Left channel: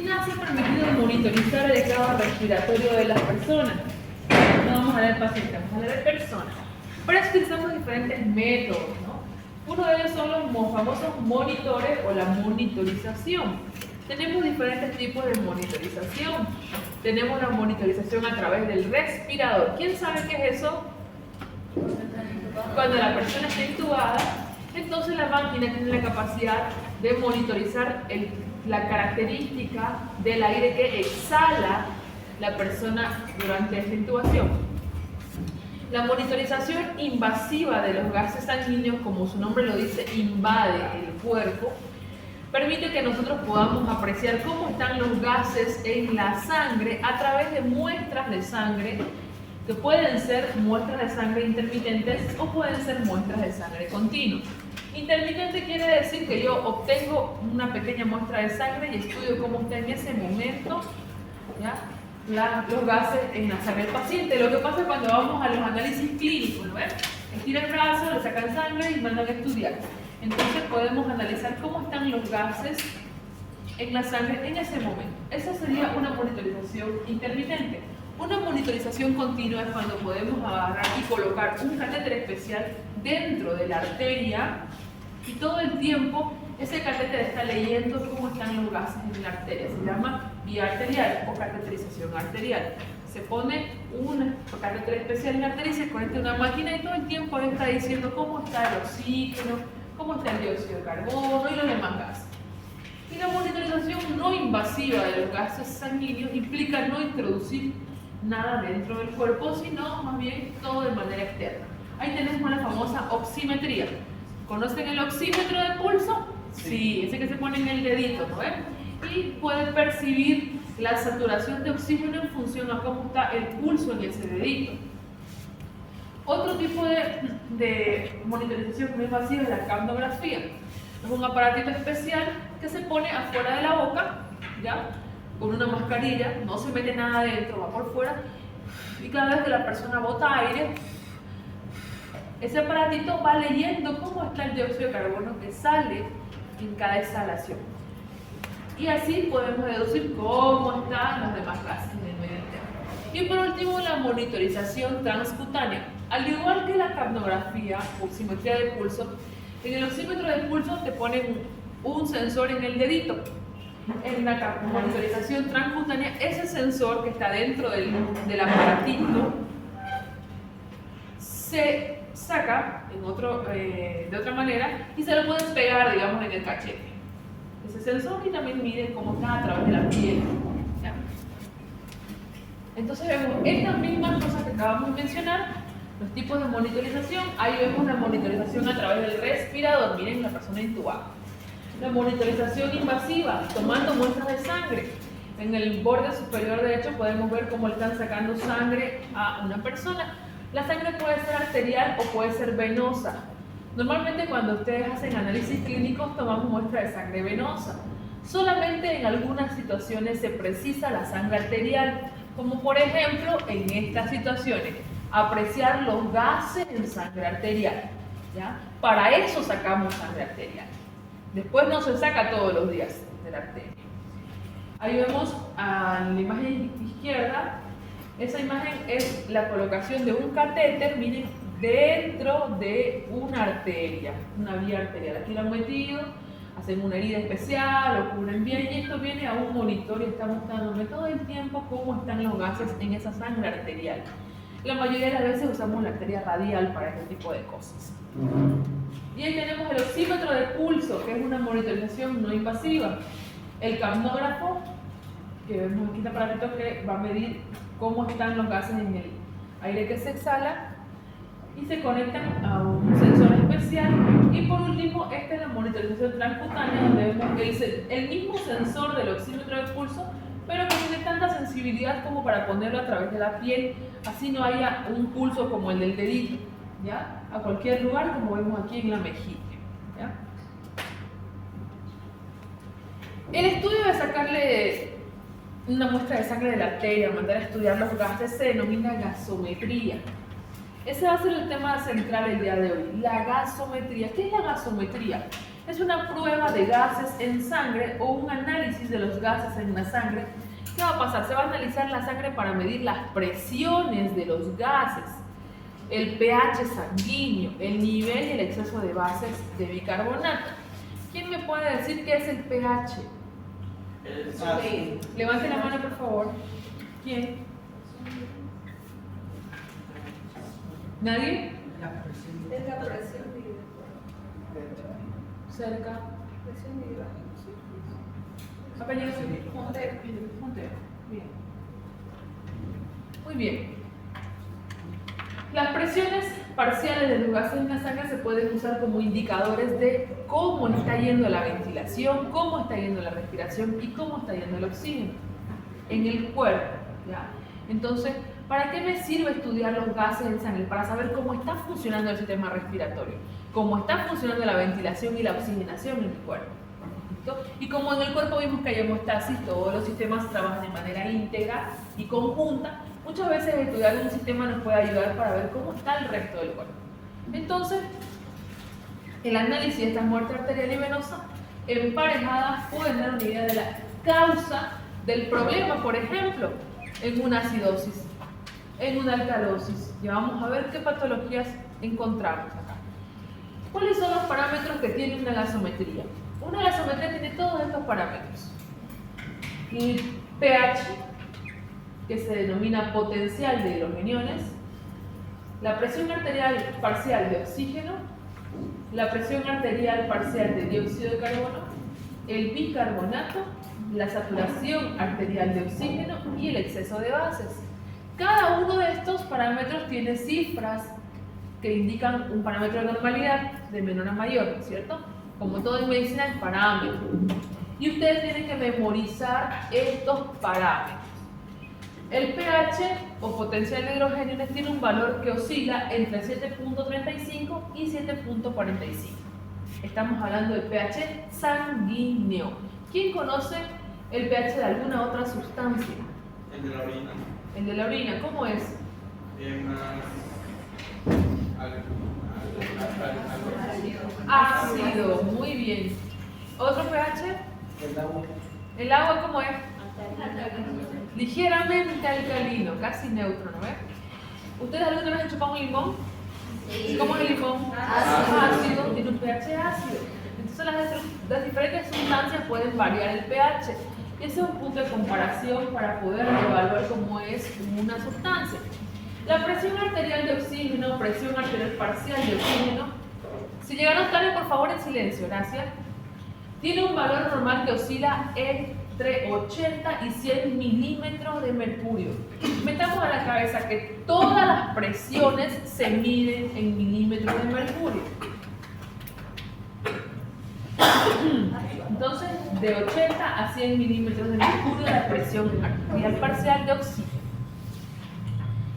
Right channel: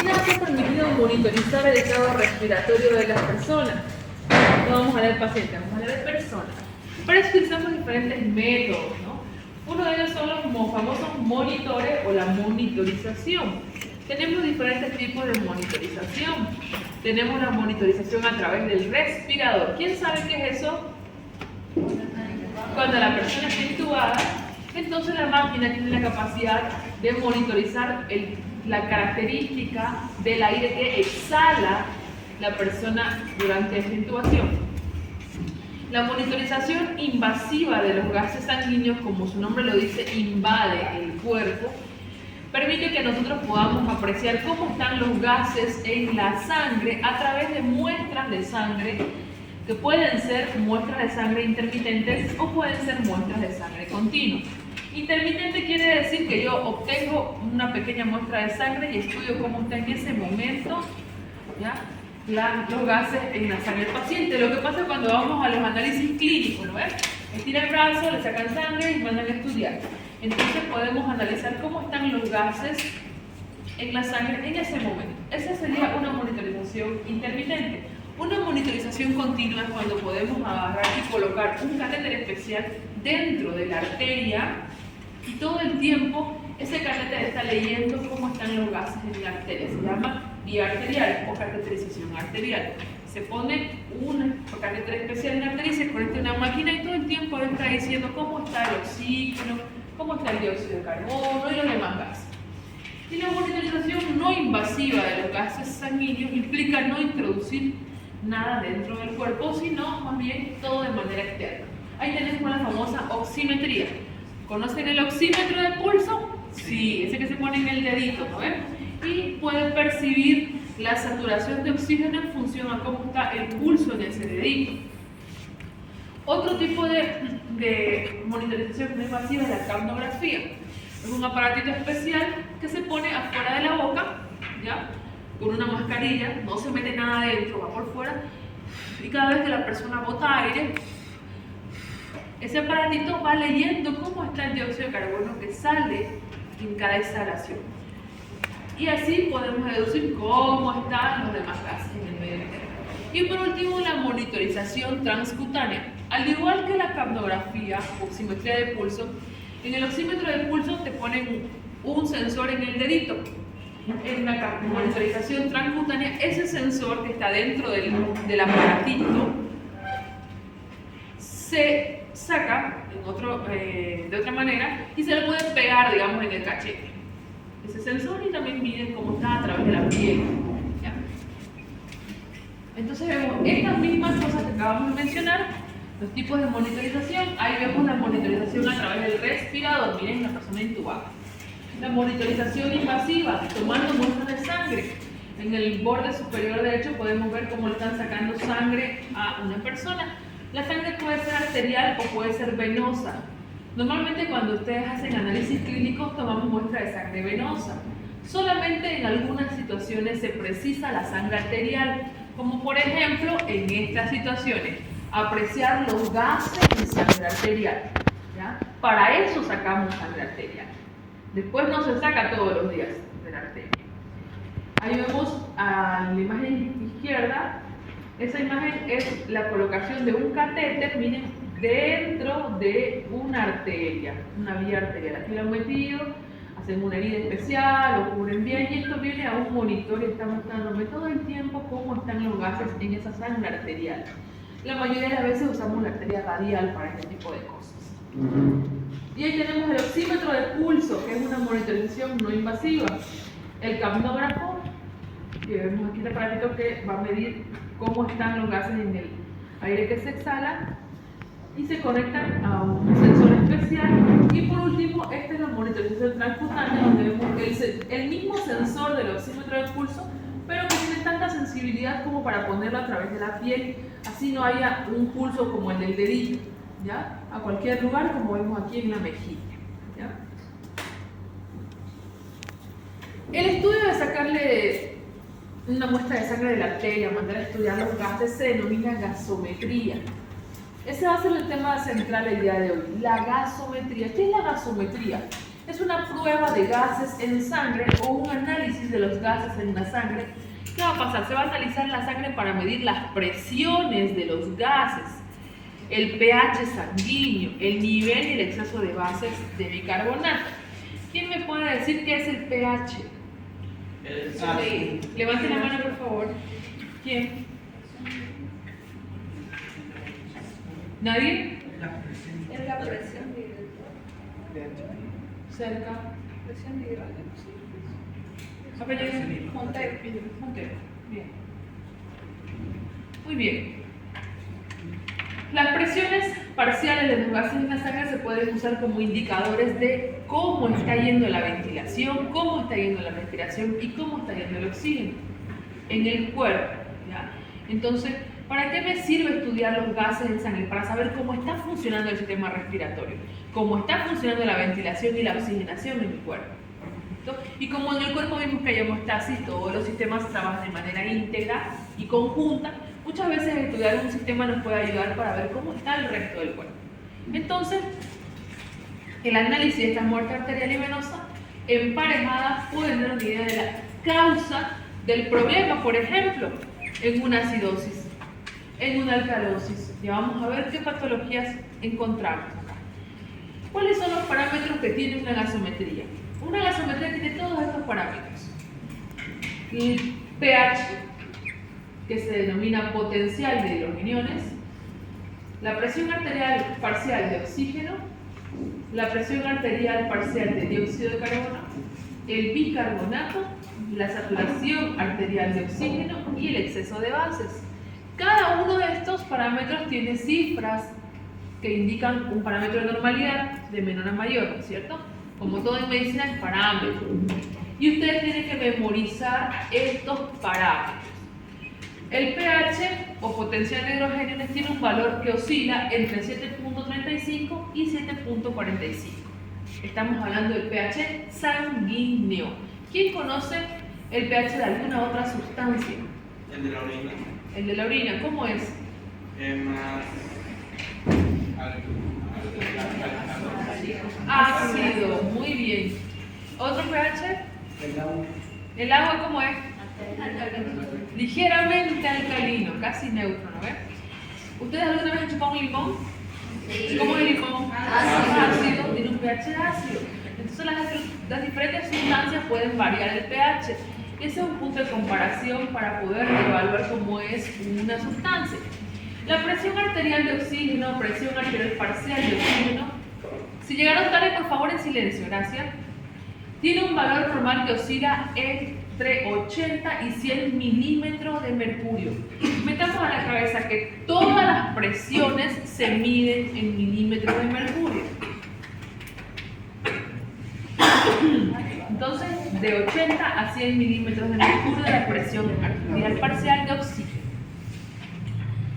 ¿Quién ha permitido monitorizar el estado respiratorio de las personas? No vamos a leer pacientes, vamos a leer personas. Para eso utilizamos diferentes métodos, ¿no? Uno de ellos son los famosos monitores o la monitorización. Tenemos diferentes tipos de monitorización. Tenemos la monitorización a través del respirador. ¿Quién sabe qué es eso? Cuando la persona está intubada, entonces la máquina tiene la capacidad de monitorizar la característica del aire que exhala la persona durante esta intubación. La monitorización invasiva de los gases sanguíneos, como su nombre lo dice, invade el cuerpo, permite que nosotros podamos apreciar cómo están los gases en la sangre a través de muestras de sangre, que pueden ser muestras de sangre intermitentes o pueden ser muestras de sangre continua. Intermitente quiere decir que yo obtengo una pequeña muestra de sangre y estudio cómo está en ese momento, ¿ya?, los gases en la sangre del paciente. Lo que pasa cuando vamos a los análisis clínicos, ¿no ves? Estira el brazo, le sacan sangre y mandan a estudiar. Entonces podemos analizar cómo están los gases en la sangre en ese momento. Esa sería una monitorización intermitente. Una monitorización continua es cuando podemos agarrar y colocar un catéter especial dentro de la arteria y todo el tiempo ese catéter está leyendo cómo están los gases en la arteria. Se llama vía arterial o cateterización arterial. Se pone un catéter especial en la arteria y se conecta a una máquina y todo el tiempo está diciendo cómo está el oxígeno, cómo está el dióxido de carbono y los demás gases. Y la monitorización no invasiva de los gases sanguíneos implica no introducir nada dentro del cuerpo, sino más bien todo de manera externa. Ahí tenemos la famosa oximetría. ¿Conocen el oxímetro de pulso? Sí, ese que se pone en el dedito, ¿no? Y pueden percibir la saturación de oxígeno en función a cómo está el pulso en ese dedito. Otro tipo de monitorización muy invasiva es la capnografía. Es un aparatito especial que se pone afuera de la boca, ¿ya?, con una mascarilla, no se mete nada adentro, va por fuera, y cada vez que la persona bota aire, ese aparatito va leyendo cómo está el dióxido de carbono que sale en cada exhalación. Y así podemos deducir cómo están los demás gases en el medio interno. Y por último, la monitorización transcutánea. Al igual que la capnografía, oximetría de pulso, en el oxímetro de pulso te ponen un sensor en el dedito. En la monitorización transcutánea, ese sensor que está dentro del aparatito se saca de otra manera y se lo pueden pegar, digamos, en el cachete. Ese sensor, y también miden cómo está a través de la piel, ¿ya? Entonces vemos estas mismas cosas que acabamos de mencionar, los tipos de monitorización. Ahí vemos la monitorización a través del respirador, miren la persona intubada. La monitorización invasiva, tomando muestras de sangre. En el borde superior derecho podemos ver cómo le están sacando sangre a una persona. La sangre puede ser arterial o puede ser venosa. Normalmente cuando ustedes hacen análisis clínicos tomamos muestra de sangre venosa. Solamente en algunas situaciones se precisa la sangre arterial, como por ejemplo en estas situaciones, apreciar los gases en sangre arterial, ¿ya? Para eso sacamos sangre arterial. Después no se saca todos los días de la arteria. Ahí vemos a la imagen izquierda. Esa imagen es la colocación de un catéter, miren, dentro de una arteria, una vía arterial. Aquí lo han metido, hacen una herida especial, lo cubren bien y esto viene a un monitor y está mostrándome todo el tiempo cómo están los gases en esa sangre arterial. La mayoría de las veces usamos la arteria radial para este tipo de cosas. Y ahí tenemos el oxímetro de pulso, que es una monitorización no invasiva. El capnógrafo, que vemos aquí el aparatito que va a medir cómo están los gases en el aire que se exhala y se conectan a un sensor especial. Y por último, esta es la monitorización transcutánea, donde vemos el mismo sensor del oxímetro de pulso, pero que tiene tanta sensibilidad como para ponerlo a través de la piel, así no haya un pulso como el del dedito, ¿ya?, a cualquier lugar, como vemos aquí en la mejilla, ¿ya? El estudio de sacarle una muestra de sangre de la arteria, mandar a estudiar los gases, se denomina gasometría. Ese va a ser el tema central el día de hoy, la gasometría. ¿Qué es la gasometría? es una prueba de gases en sangre o un análisis de los gases en la sangre. ¿Qué va a pasar? Se va a analizar la sangre para medir las presiones de los gases, el pH sanguíneo, el nivel y el exceso de bases de bicarbonato. ¿Quién me puede decir qué es el pH? Levante la mano, por favor. ¿Quién? ¿Nadie? Es la presión Cerca. Montero. Bien. Muy bien. Las presiones parciales de los gases en la sangre se pueden usar como indicadores de cómo está yendo la ventilación, cómo está yendo la respiración y cómo está yendo el oxígeno en el cuerpo. ¿Ya? Entonces, ¿para qué me sirve estudiar los gases en sangre? Para saber cómo está funcionando el sistema respiratorio, cómo está funcionando la ventilación y la oxigenación en el cuerpo. ¿Listo? Y como en el cuerpo vimos que hay hemostasis, todos los sistemas trabajan de manera íntegra y conjunta, muchas veces estudiar un sistema nos puede ayudar para ver cómo está el resto del cuerpo. Entonces, el análisis de esta muerte arterial y venosa emparejadas pueden dar una idea de la causa del problema, por ejemplo, en una acidosis, en una alcalosis. Y vamos a ver qué patologías encontramos. ¿Cuáles son los parámetros que tiene una gasometría? Una gasometría tiene todos estos parámetros. El pH, que se denomina potencial de hidrogeniones, la presión arterial parcial de oxígeno, la presión arterial parcial de dióxido de carbono, el bicarbonato, la saturación arterial de oxígeno y el exceso de bases. Cada uno de estos parámetros tiene cifras que indican un parámetro de normalidad de menor a mayor, ¿cierto? Como todo en medicina, el parámetro. Y ustedes tienen que memorizar estos parámetros. El pH o potencial de hidrogeniones tiene un valor que oscila entre 7.35 y 7.45. Estamos hablando del pH sanguíneo. ¿Quién conoce el pH de alguna otra sustancia? El de la orina. El de la orina, ¿cómo es? Más Ácido, muy bien. ¿Otro pH? El agua. ¿El agua cómo es? Ligeramente alcalino, casi neutro, ¿no ves? ¿Ustedes alguna vez han chupado un limón? Sí. ¿Cómo es el limón? Ácido, tiene un pH ácido. Entonces las diferentes sustancias pueden variar el pH. Ese es un punto de comparación para poder evaluar cómo es una sustancia. La presión arterial de oxígeno, presión arterial parcial de oxígeno. Si llegaron tarde, por favor, en silencio, gracias. Tiene un valor normal que oscila entre 80 y 100 milímetros de mercurio. Metamos a la cabeza que todas las presiones se miden en milímetros de mercurio. Entonces, de 80 a 100 milímetros de mercurio de la presión arterial parcial de oxígeno.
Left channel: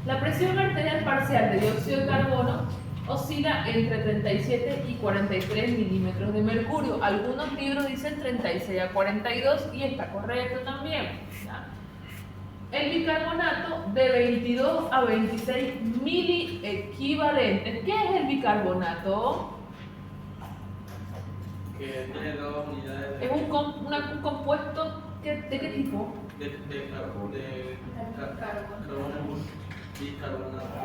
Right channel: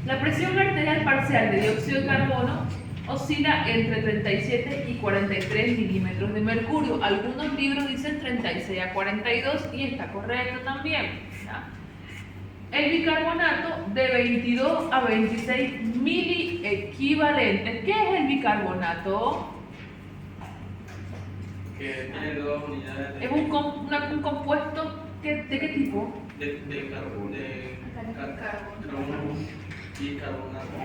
La presión arterial parcial de dióxido de carbono oscila entre 37 y 43 milímetros de mercurio. Algunos libros dicen 36 a 42 y está correcto también. ¿Ya? El bicarbonato de 22 a 26 miliequivalentes. ¿Qué es el bicarbonato? Que tiene dos unidades de. Es un compuesto ¿de qué tipo? De carbono y carbonato.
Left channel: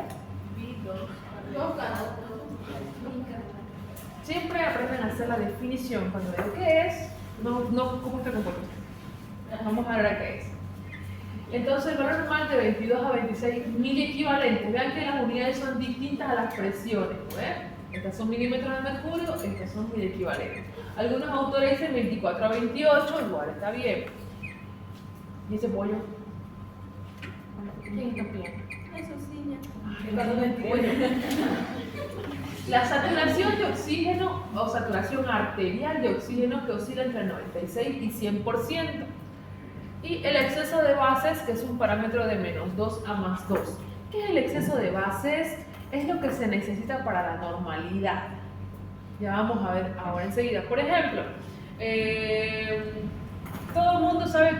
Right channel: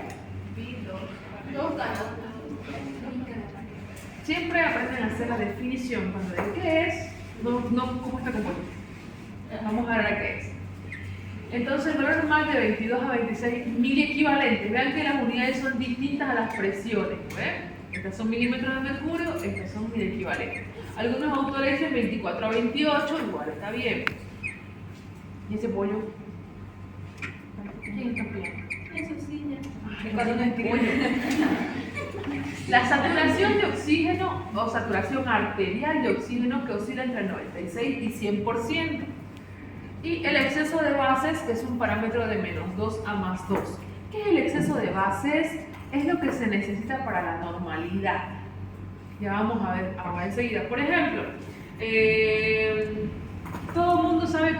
Siempre aprenden a hacer la definición cuando ven qué es, no cómo está compuesto. Vamos a ver a qué es. Entonces, el valor normal de 22 a 26 miliequivalentes. Vean que las unidades son distintas a las presiones. ¿Ven? Estas son milímetros de mercurio, estas son miliequivalentes. Algunos autores dicen 24 a 28, igual está bien. ¿Y ese pollo? ¿Quién está bien? Eso sí, ya. La saturación de oxígeno o saturación arterial de oxígeno que oscila entre 96 y 100%. Y el exceso de bases, que es un parámetro de menos 2 a más 2. ¿Qué es el exceso de bases? Es lo que se necesita para la normalidad. Ya vamos a ver ahora enseguida. Por ejemplo, todo el mundo sabe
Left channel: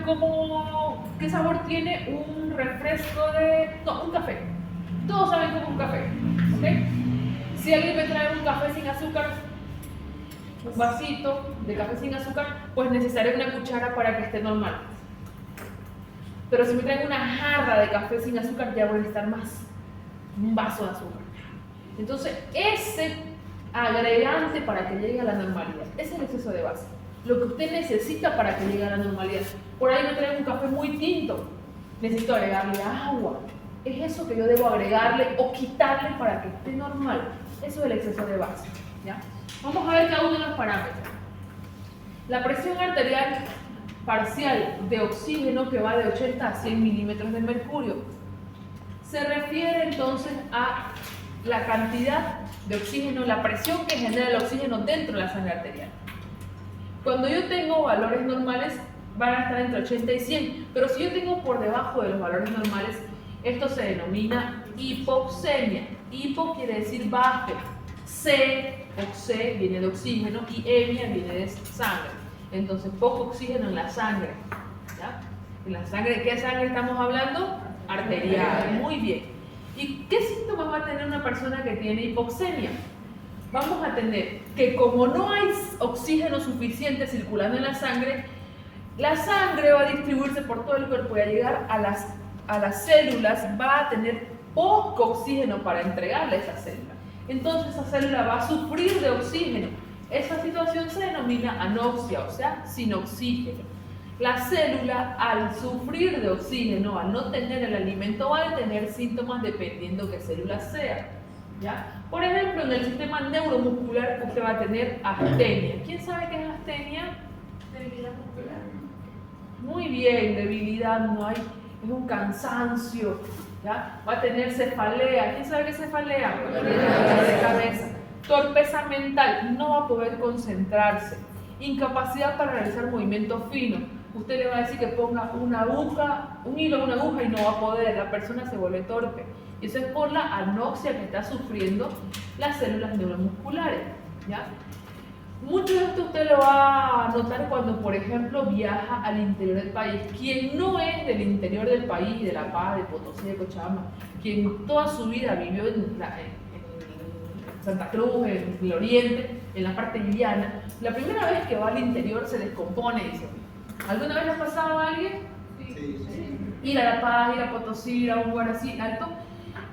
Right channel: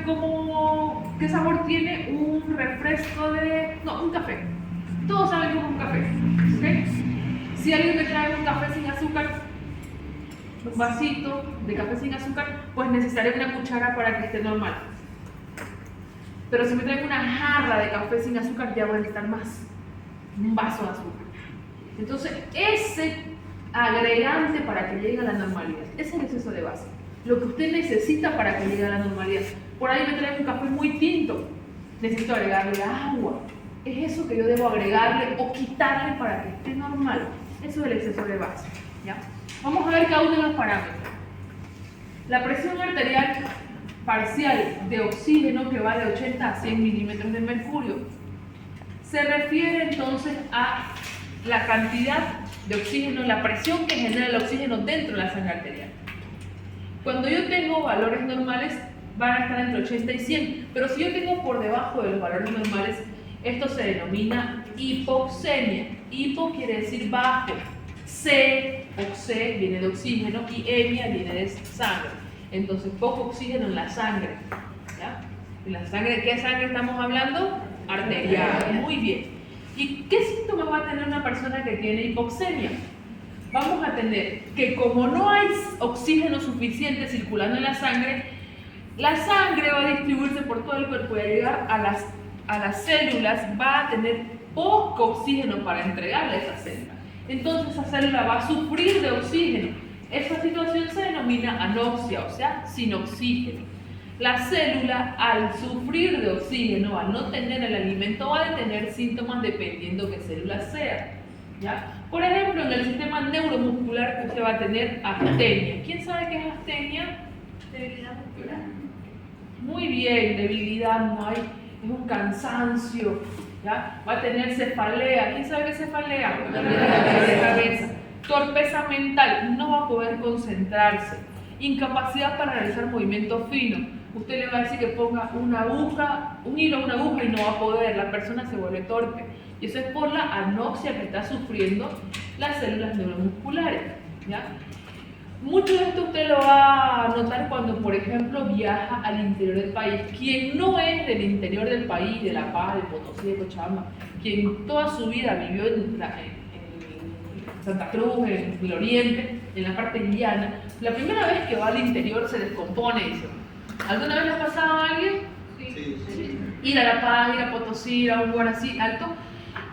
qué sabor tiene un refresco un café. Todos saben cómo es un café, ¿ok? Si alguien me trae un café sin azúcar, un vasito de café sin azúcar, pues necesitaría una cuchara para que esté normal. Pero si me traigo una jarra de café sin azúcar, ya voy a necesitar más, un vaso de azúcar. Entonces, ese agregante para que llegue a la normalidad, ese es el exceso de base. Lo que usted necesita para que llegue a la normalidad. Por ahí me traigo un café muy tinto, necesito agregarle agua. Es eso que yo debo agregarle o quitarle para que esté normal. Eso es el exceso de base, ¿ya? Vamos a ver cada uno de los parámetros. La presión arterial parcial de oxígeno, que va de 80 a 100 milímetros de mercurio, se refiere entonces a la cantidad de oxígeno, la presión que genera el oxígeno dentro de la sangre arterial. Cuando yo tengo valores normales, van a estar entre 80 y 100, pero si yo tengo por debajo de los valores normales, esto se denomina hipoxemia. Hipo quiere decir bajo, oxe viene de oxígeno y emia viene de sangre. Entonces, poco oxígeno en la sangre, ¿ya? ¿En la sangre de qué sangre estamos hablando? Arterial. Muy bien. ¿Y qué síntomas va a tener una persona que tiene hipoxemia? Vamos a tener que como no hay oxígeno suficiente circulando en la sangre va a distribuirse por todo el cuerpo y al llegar a las células va a tener poco oxígeno para entregarle a esa célula. Entonces esa célula va a sufrir de oxígeno. Esa situación se denomina anoxia, o sea, sin oxígeno. La célula, al sufrir de oxígeno, al no tener el alimento, va a tener síntomas dependiendo qué célula sea, ¿ya? Por ejemplo, en el sistema neuromuscular usted va a tener astenia. ¿Quién sabe qué es astenia? Debilidad muscular. Muy bien, debilidad no hay, es un cansancio, ¿ya? Va a tener cefalea. ¿Quién sabe qué es cefalea? Dolor de cabeza. Torpeza mental, no va a poder concentrarse. Incapacidad para realizar movimientos finos. Usted le va a decir que ponga una aguja, un hilo a una aguja y no va a poder, la persona se vuelve torpe. Y eso es por la anoxia que está sufriendo las células neuromusculares, ¿ya? Mucho de esto usted lo va a notar cuando, por ejemplo, viaja al interior del país. Quien no es del interior del país, de La Paz, de Potosí, de Cochabamba, quien toda su vida vivió en Santa Cruz, en el oriente, en la parte llana, la primera vez que va al interior se descompone, dice. ¿Alguna vez le ha pasado a alguien? Sí. Ir a La Paz, ir a Potosí, ir a un lugar así alto.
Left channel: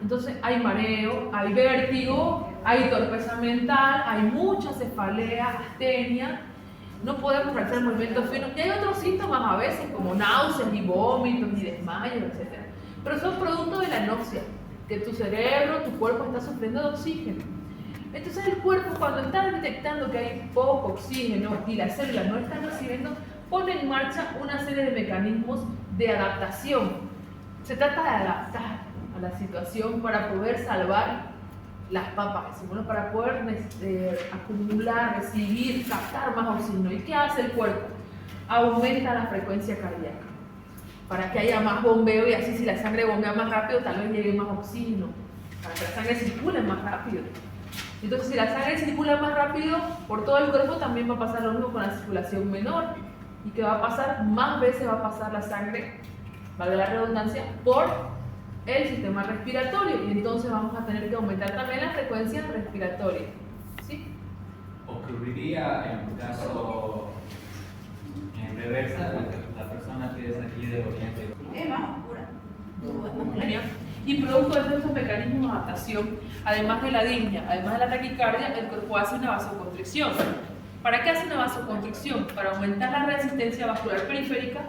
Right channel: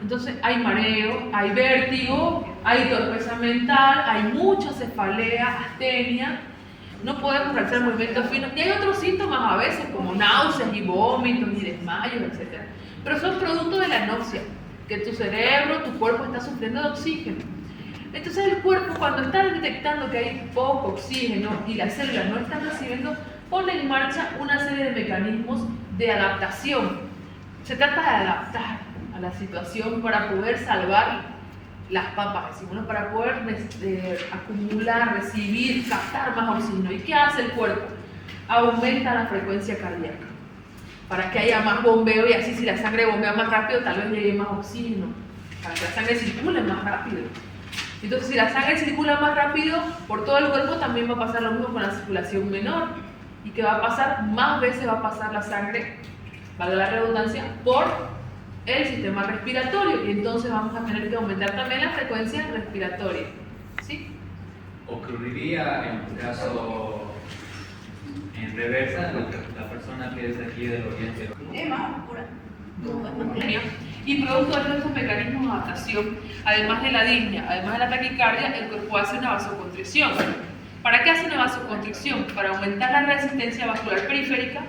Entonces hay mareo, hay vértigo, hay torpeza mental, hay mucha cefalea, astenia, no podemos realizar movimientos finos. Y hay otros síntomas a veces como náuseas y vómitos y desmayos, etc. Pero son producto de la anoxia, que tu cerebro, tu cuerpo está sufriendo de oxígeno. Entonces el cuerpo, cuando está detectando que hay poco oxígeno y las células no están recibiendo, pone en marcha una serie de mecanismos de adaptación. Se trata de adaptar a la situación para poder salvar las papas, decimos, ¿no? Para poder acumular, recibir, captar más oxígeno. ¿Y qué hace el cuerpo? Aumenta la frecuencia cardíaca para que haya más bombeo y así si la sangre bombea más rápido, tal vez llegue más oxígeno, para que la sangre circule más rápido. Entonces, si la sangre circula más rápido por todo el cuerpo, también va a pasar lo mismo con la circulación menor. ¿Y qué va a pasar? Más veces va a pasar la sangre, valga la redundancia, por el sistema respiratorio. Y entonces vamos a tener que aumentar también la frecuencia respiratoria. ¿Sí? Ocurriría en un caso en reversa, la persona que es aquí del oriente. Es más oscura. Y producto de estos mecanismos de adaptación, además de la disnea, además de la taquicardia, el cuerpo hace una vasoconstricción. ¿Para qué hace una vasoconstricción? Para aumentar la resistencia vascular periférica,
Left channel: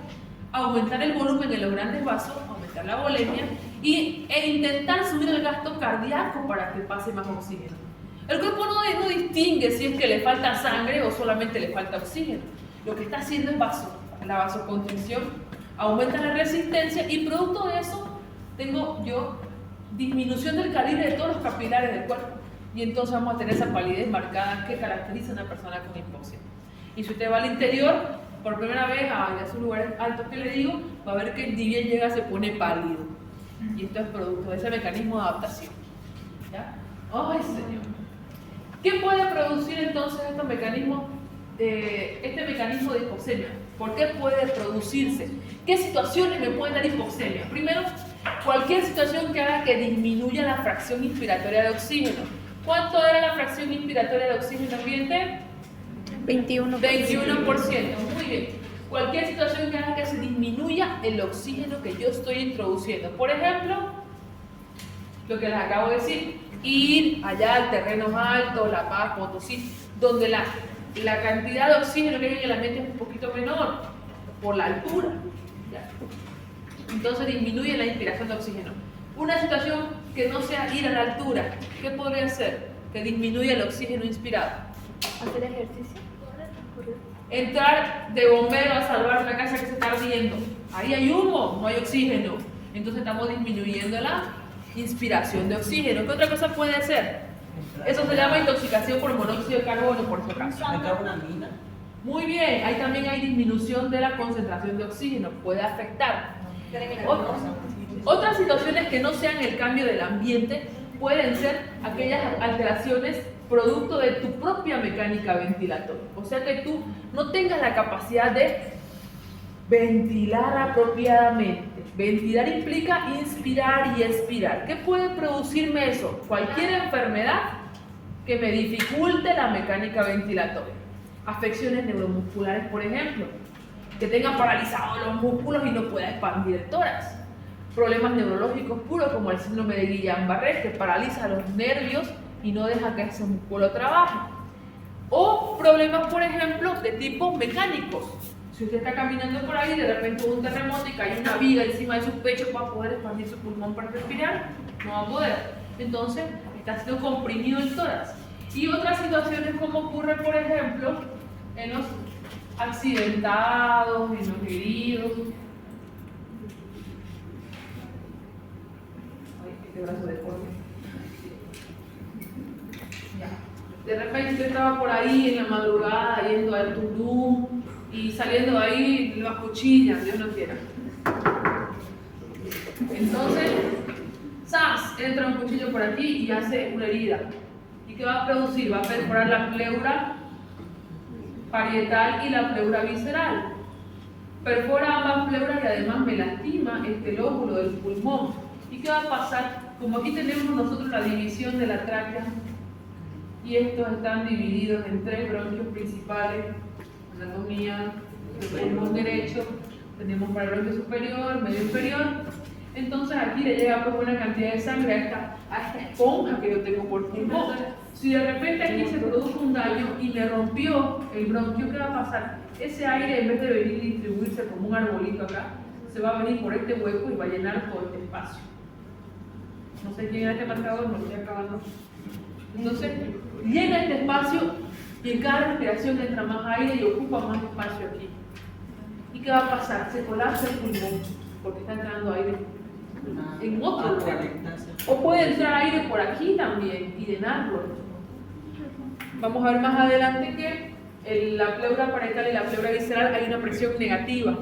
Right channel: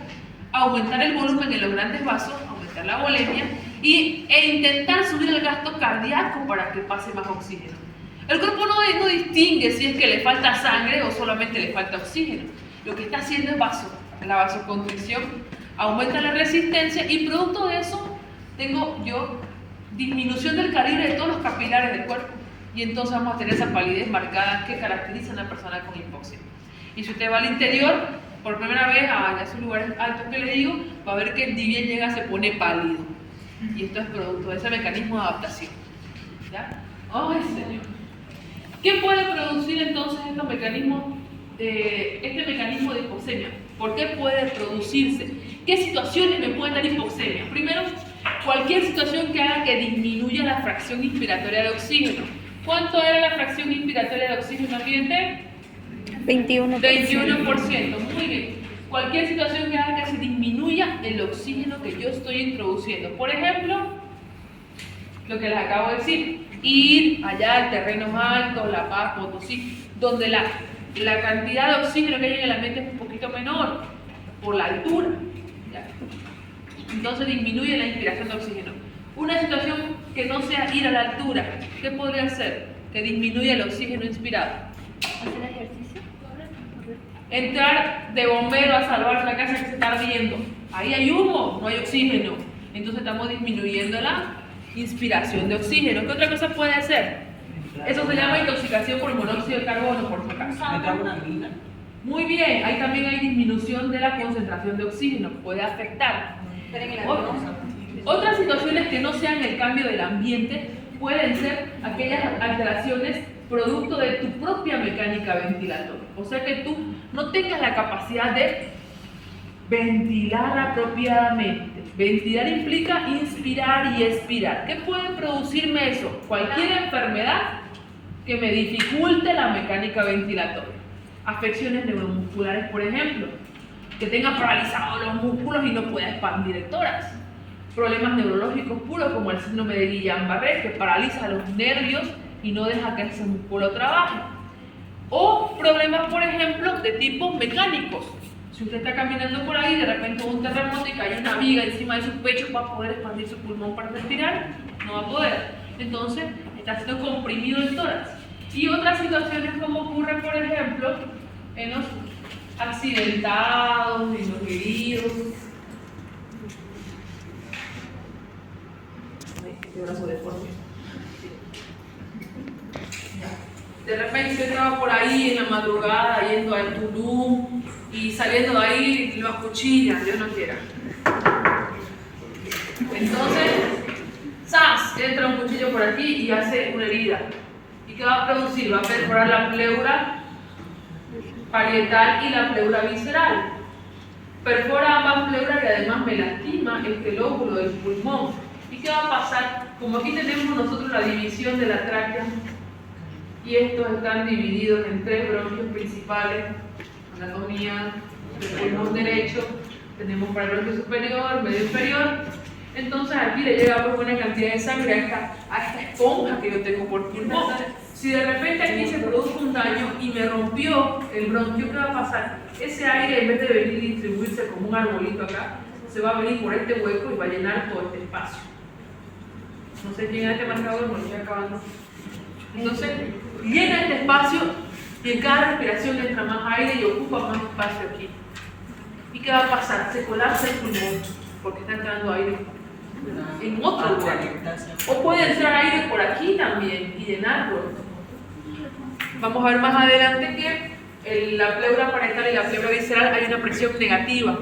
aumentar el volumen de los grandes vasos, aumentar la volemia e intentar subir el gasto cardíaco para que pase más oxígeno. El cuerpo no distingue si es que le falta sangre o solamente le falta oxígeno. Lo que está haciendo es la vasoconstricción, aumenta la resistencia y producto de eso tengo yo disminución del calibre de todos los capilares del cuerpo y entonces vamos a tener esa palidez marcada que caracteriza a una persona con hipoxia. Y si usted va al interior, por primera vez a esos lugares altos que le digo, va a ver que ni bien llega se pone pálido. Y esto es producto de ese mecanismo de adaptación. ¿Ya? ¡Ay, Señor! ¿Qué puede producir entonces estos mecanismos, este mecanismo de hipoxemia? ¿Por qué puede producirse? ¿Qué situaciones me pueden dar hipoxemia? Primero, cualquier situación que haga que disminuya la fracción inspiratoria de oxígeno. ¿Cuánto era la fracción inspiratoria de oxígeno ambiente? 21%. 21%, muy bien. Cualquier situación que haga que se disminuya el oxígeno que yo estoy introduciendo. Por ejemplo, lo que les acabo de decir, ir allá al terreno alto, La Paz, Potosí, donde la cantidad de oxígeno que hay en el ambiente es un poquito menor, por la altura. ¿Ya? Entonces disminuye la inspiración de oxígeno. Una situación que no sea ir a la altura, ¿qué podría ser? Que disminuya el oxígeno inspirado. ¿Hacer ejercicio? Entrar de bombero a salvar una casa que se está ardiendo. Ahí hay humo, no hay oxígeno. Entonces estamos disminuyendo la inspiración de oxígeno. ¿Qué otra cosa puede ser? Eso se llama intoxicación por monóxido de carbono, por si acaso. Muy bien, ahí también hay disminución de la concentración de oxígeno, puede afectar. Otras situaciones que no sean el cambio del ambiente pueden ser aquellas alteraciones producto de tu propia mecánica ventilatoria. O sea que tú no tengas la capacidad de ventilar apropiadamente. Ventilar implica inspirar y expirar. ¿Qué puede producirme eso? Cualquier enfermedad que me dificulte la mecánica ventilatoria. Afecciones neuromusculares, por ejemplo, que tenga paralizados los músculos y no pueda expandir el tórax. Problemas neurológicos puros como el síndrome de Guillain-Barré, que paraliza los nervios y no deja que ese músculo trabaje. O problemas, por ejemplo, de tipo mecánicos. Si usted está caminando por ahí, de repente hubo un terremoto y cae una viga encima de su pecho para poder expandir su pulmón para respirar, no va a poder. Entonces, está siendo comprimido el tórax. Y otras situaciones como ocurre, por ejemplo, en los accidentados y los heridos. Este brazo deforme. De repente usted estaba por ahí en la madrugada yendo al Tulum y saliendo de ahí lo acuchillan, Dios no quiera. Entonces, ¡zas! Entra un cuchillo por aquí y hace una herida. ¿Y qué va a producir? Va a perforar la pleura parietal y la pleura visceral. Perfora ambas pleuras y además me lastima este lóbulo del pulmón. ¿Y qué va a pasar? Como aquí tenemos nosotros la división de la tráquea, y estos están divididos en 3 bronquios principales, anatomía del pulmón derecho, tenemos para el bronquio superior, medio inferior, entonces aquí le llega pues una cantidad de sangre a esta esponja que yo tengo por pulmón. Si de repente aquí se produce un daño y me rompió el bronquio, ¿qué va a pasar? Ese aire, en vez de venir y distribuirse como un arbolito acá, se va a venir por este hueco y va a llenar todo este espacio. No sé quién es este marcador, no lo estoy acabando. Entonces, llena este espacio y en cada respiración entra más aire y ocupa más espacio aquí. ¿Y qué va a pasar? Se colapsa el pulmón porque está entrando aire en otro lugar. O puede entrar aire por aquí también y llenarlo. Vamos a ver más adelante que en la pleura parietal y la pleura visceral hay una presión negativa,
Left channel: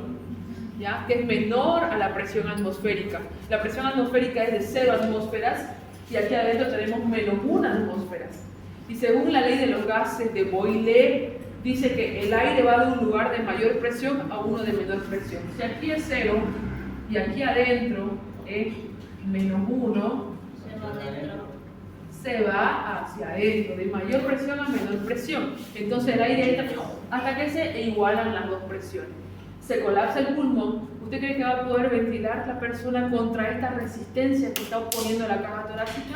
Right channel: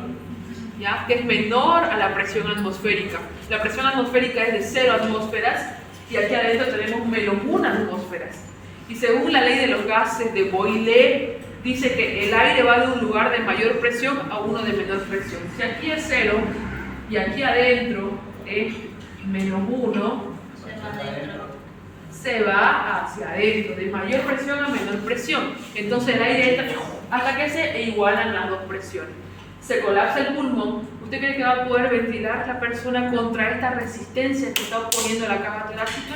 ¿ya? Que es menor a la presión atmosférica. La presión atmosférica es de 0 atmósferas y aquí adentro tenemos menos 1 atmósferas. Y según la ley de los gases de Boyle, dice que el aire va de un lugar de mayor presión a uno de menor presión. Si aquí es 0 y aquí adentro es menos 1, se va hacia adentro, de mayor presión a menor presión. Entonces el aire entra hasta que se igualan las dos presiones. Se colapsa el pulmón. ¿Usted cree que va a poder ventilar la persona contra esta resistencia que está oponiendo la caja torácica?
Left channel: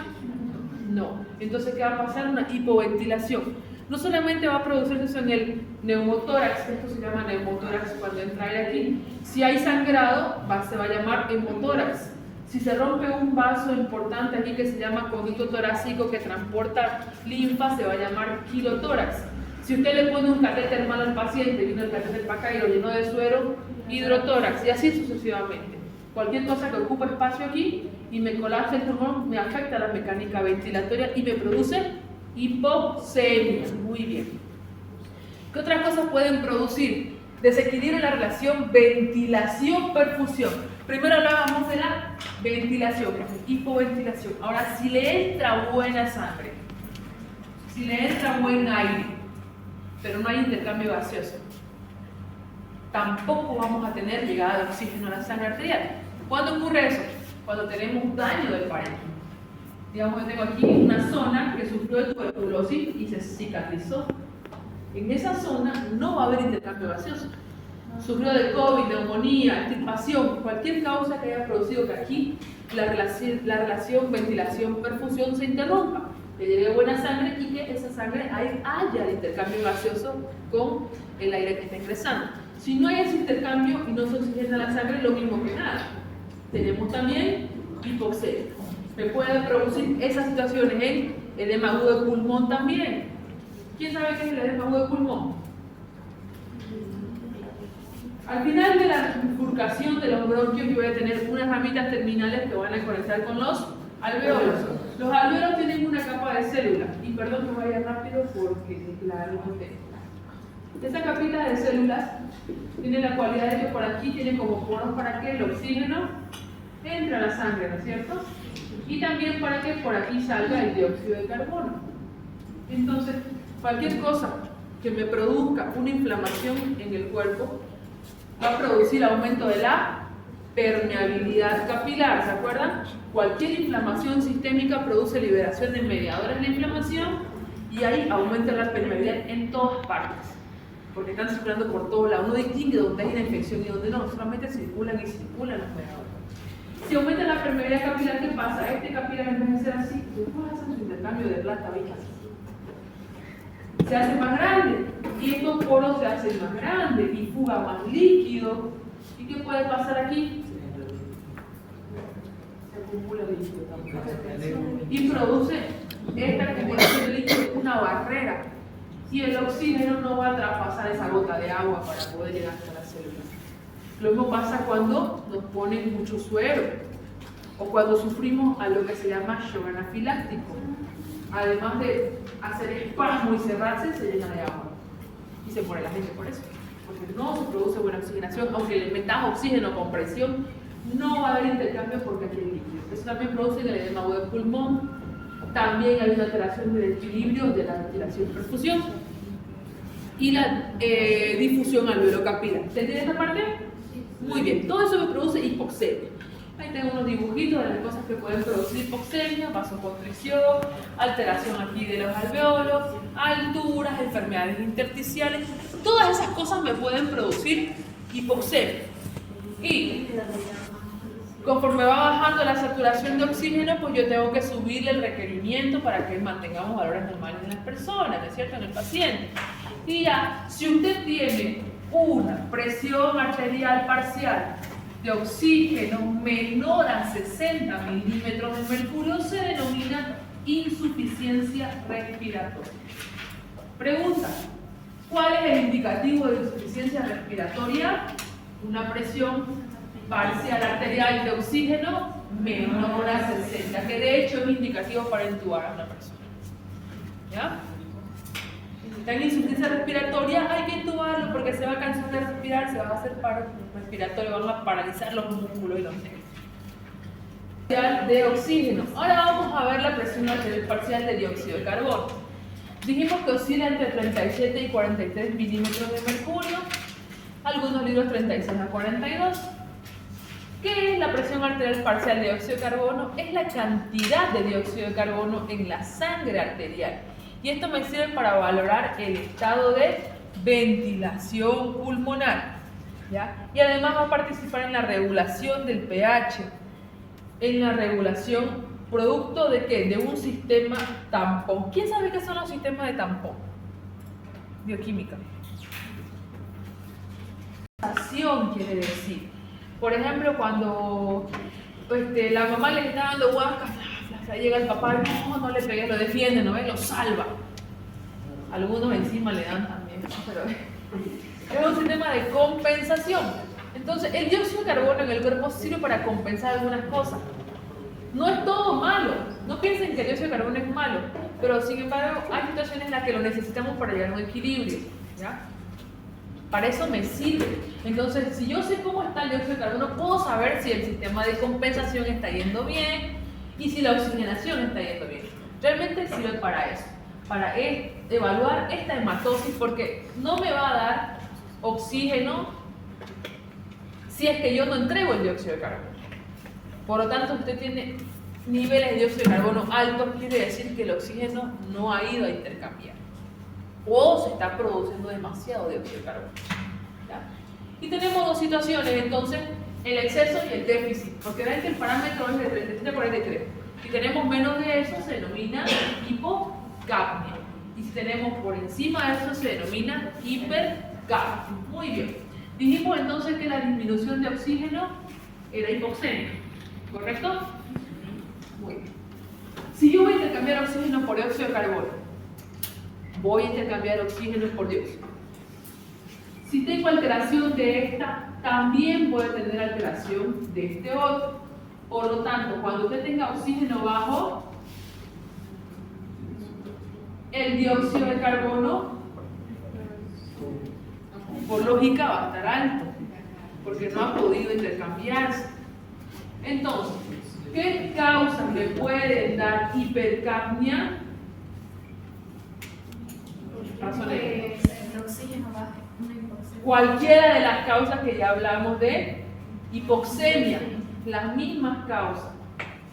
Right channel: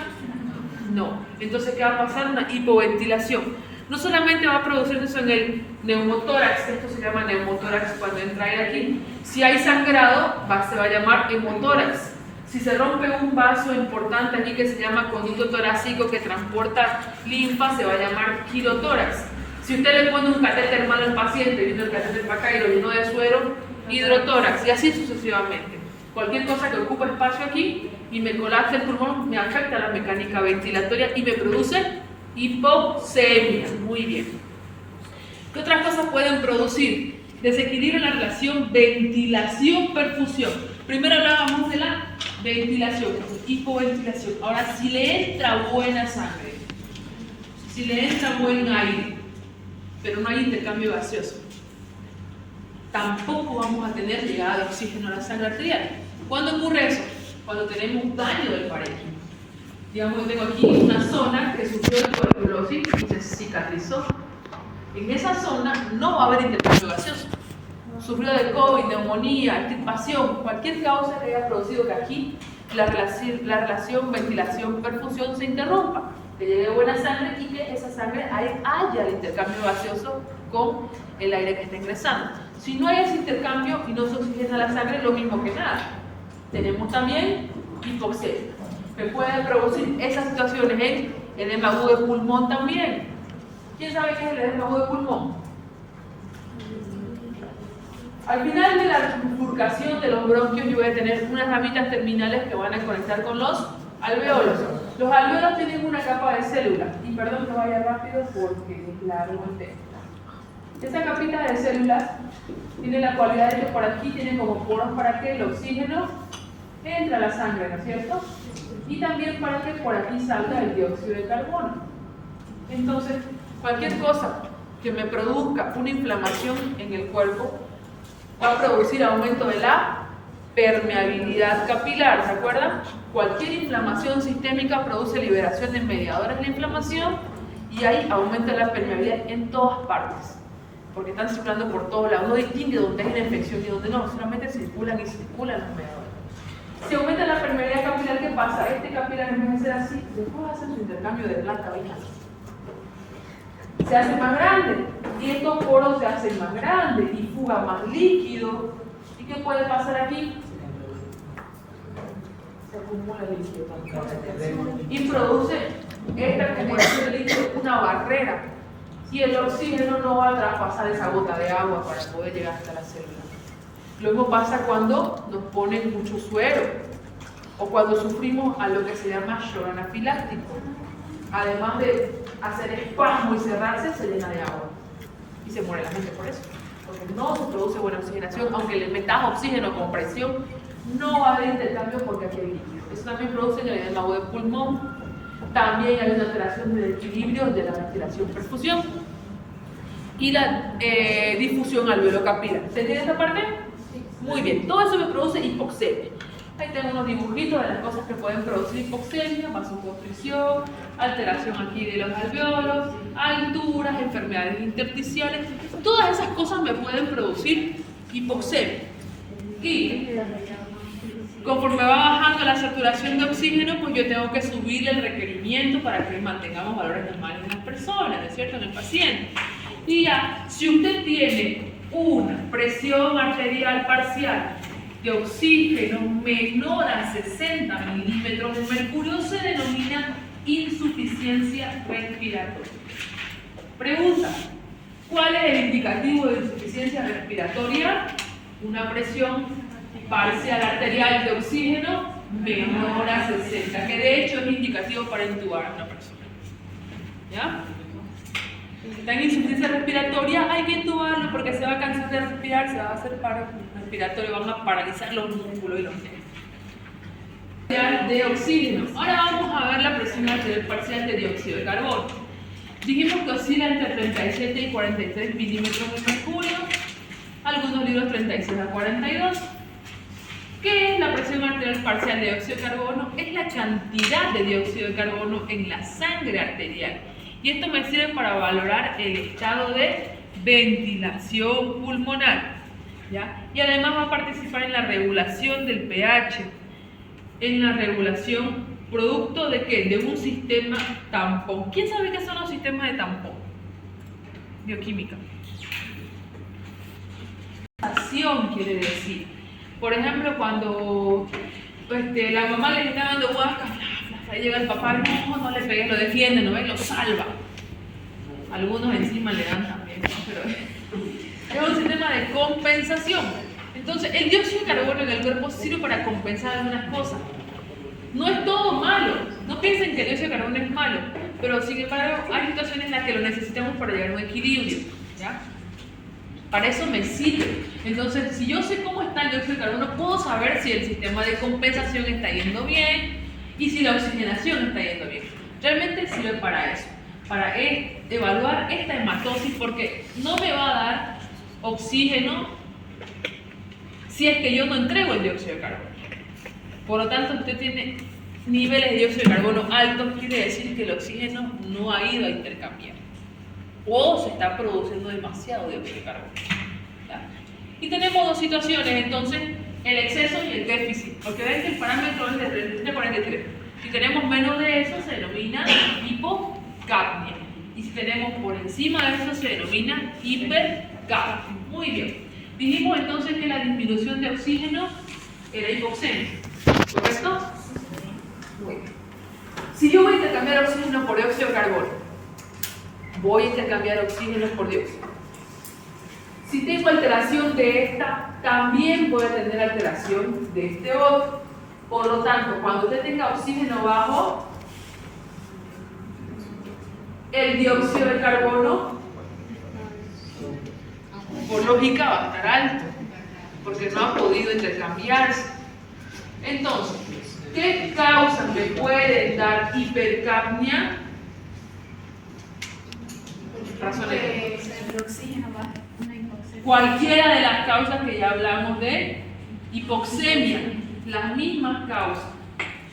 No. Entonces, ¿qué va a pasar? Una hipoventilación. No solamente va a producirse eso en el neumotórax, esto se llama neumotórax cuando entra aire aquí. Si hay sangrado, se va a llamar hemotórax. Si se rompe un vaso importante aquí que se llama conducto torácico que transporta linfa, se va a llamar quirotórax. Si usted le pone un catéter mal al paciente, vino el catéter para acá y lo llenó de suero, hidrotórax, y así sucesivamente. Cualquier cosa que ocupe espacio aquí y me colapse el pulmón me afecta la mecánica ventilatoria y me produce hipoxemia. Muy bien. ¿Qué otras cosas pueden producir? Desequilibrio en la relación ventilación-perfusión. Primero hablábamos de la ventilación, que es hipoventilación. Ahora, si le entra buena sangre, si le entra buen aire, pero no hay intercambio gaseoso, tampoco vamos a tener llegada de oxígeno a la sangre arterial. ¿Cuándo ocurre eso? Cuando tenemos un daño del parénquima. Digamos que tengo aquí una zona que sufrió de tuberculosis y se cicatrizó. En esa zona no va a haber intercambio gaseoso. Sufrió de COVID, neumonía, extirpación, cualquier causa que haya producido que aquí la relación ventilación-perfusión se interrumpa, que llegue buena sangre y que esa sangre haya el intercambio gaseoso con el aire que está ingresando. Si no hay ese intercambio y no se oxigena la sangre, lo mismo que nada. Tenemos también hipoxemia, que puede producir esas situaciones en edema agudo de pulmón también. ¿Quién sabe qué es el edema agudo de pulmón? Al final de la bifurcación de los bronquios yo voy a tener unas ramitas terminales que van a conectar con los alveolos. Los alveolos tienen una capa de células, y perdón que vaya rápido porque es largo el tema. Esa capita de células tiene la cualidad de que por aquí tiene como poros para que el oxígeno entre a la sangre, ¿no es cierto? Y también para que por aquí salga el dióxido de carbono. Entonces, cualquier cosa que me produzca una inflamación en el cuerpo va a producir aumento de la permeabilidad capilar, ¿se acuerdan? Cualquier inflamación sistémica produce liberación de mediadores de la inflamación y ahí aumenta la permeabilidad en todas partes, porque están circulando por todos lados. No distingue dónde hay una infección y dónde no, solamente circulan y circulan los mediadores. Si aumenta la permeabilidad capilar, ¿qué pasa? Este capilar, en vez de ser así, después hace su intercambio de planta vía. Se hace más grande y estos poros se hacen más grandes y fuga más líquido. ¿Y qué puede pasar aquí? Se acumula líquido también y produce esta acumulación de líquido una barrera y el oxígeno no va a traspasar esa gota de agua para poder llegar hasta la célula. Lo mismo pasa cuando nos ponen mucho suero o cuando sufrimos a lo que se llama shock anafiláctico. Además de hacer espasmo y cerrarse, se llena de agua y se muere la gente por eso, porque no se produce buena oxigenación. Aunque le metas oxígeno con presión, no va a haber intercambio porque aquí hay líquido. Eso también produce el edema agudo de pulmón. También hay una alteración del equilibrio de la ventilación-perfusión y la difusión alveolo-capilar. ¿Se entiende esta parte? Muy bien, todo eso me produce hipoxemia. Ahí tengo unos dibujitos de las cosas que pueden producir hipoxemia: vasoconstricción, alteración aquí de los alveolos, alturas, enfermedades intersticiales. Todas esas cosas me pueden producir hipoxemia. Y conforme va bajando la saturación de oxígeno, pues yo tengo que subir el requerimiento para que mantengamos valores normales en las personas, ¿no es cierto?, en el paciente. Y ya, si usted tiene una presión arterial parcial de oxígeno menor a 60 milímetros de mercurio, se denomina insuficiencia respiratoria. Pregunta: ¿cuál es el indicativo de insuficiencia respiratoria? Una presión parcial arterial de oxígeno menor a 60, que de hecho es indicativo para intubar a una persona. ¿Ya? Está en insuficiencia respiratoria, hay que intubarlo porque se va a cansar de respirar, se va a hacer paro respiratorio, van a paralizar los músculos y los nervios. De oxígeno. Ahora vamos a ver la presión arterial parcial de dióxido de carbono. Dijimos que oscila entre 37 y 43 milímetros de mercurio, algunos libros 36 a 42. ¿Qué es la presión arterial parcial de dióxido de carbono? Es la cantidad de dióxido de carbono en la sangre arterial. Y esto me sirve para valorar el estado de ventilación pulmonar, ¿ya? Y además va a participar en la regulación del pH, en la regulación producto de ¿qué? De un sistema tampón. ¿Quién sabe qué son los sistemas de tampón? Bioquímica. Quiere decir, por ejemplo, cuando la mamá le está dando huascas, ahí llega el papá y no le pegues, lo defiende, ¿no ves? Lo salva. Algunos encima le dan también, pero es un sistema de compensación. Entonces, el dióxido de carbono en el cuerpo sirve para compensar algunas cosas. No es todo malo, no piensen que el dióxido de carbono es malo, pero sin embargo hay situaciones en las que lo necesitamos para llegar a un equilibrio, ¿ya? Para eso me sirve. Entonces, si yo sé cómo está el dióxido de carbono, puedo saber si el sistema de compensación está yendo bien y si la oxigenación está yendo bien. Realmente sirve para eso, para evaluar esta hematosis, porque no me va a dar oxígeno si es que yo no entrego el dióxido de carbono. Por lo tanto, usted tiene niveles de dióxido de carbono altos, quiere decir que el oxígeno no ha ido a intercambiar. o se está produciendo demasiado dióxido de carbono. ¿Ya? Y tenemos dos situaciones, entonces, el exceso y el déficit, porque ven que el parámetro es de 33. Si tenemos menos de eso, se denomina hipocapnia. Y si tenemos por encima de eso, se denomina hipercapnia. Muy bien. Dijimos entonces que la disminución de oxígeno era hipoxemia, ¿correcto? Muy bien. Si yo voy a intercambiar oxígeno por dióxido de carbono, voy a intercambiar oxígeno por dióxido. Si tengo alteración de esta, también voy a tener alteración de este otro. Por lo tanto, cuando usted tenga oxígeno bajo, el dióxido de carbono, por lógica, va a estar alto, porque no ha podido intercambiarse. Entonces, ¿qué causas me pueden dar hipercapnia? Razones. El oxígeno va una hipoxemia. Cualquiera de las causas que ya hablamos de hipoxemia, las mismas causas,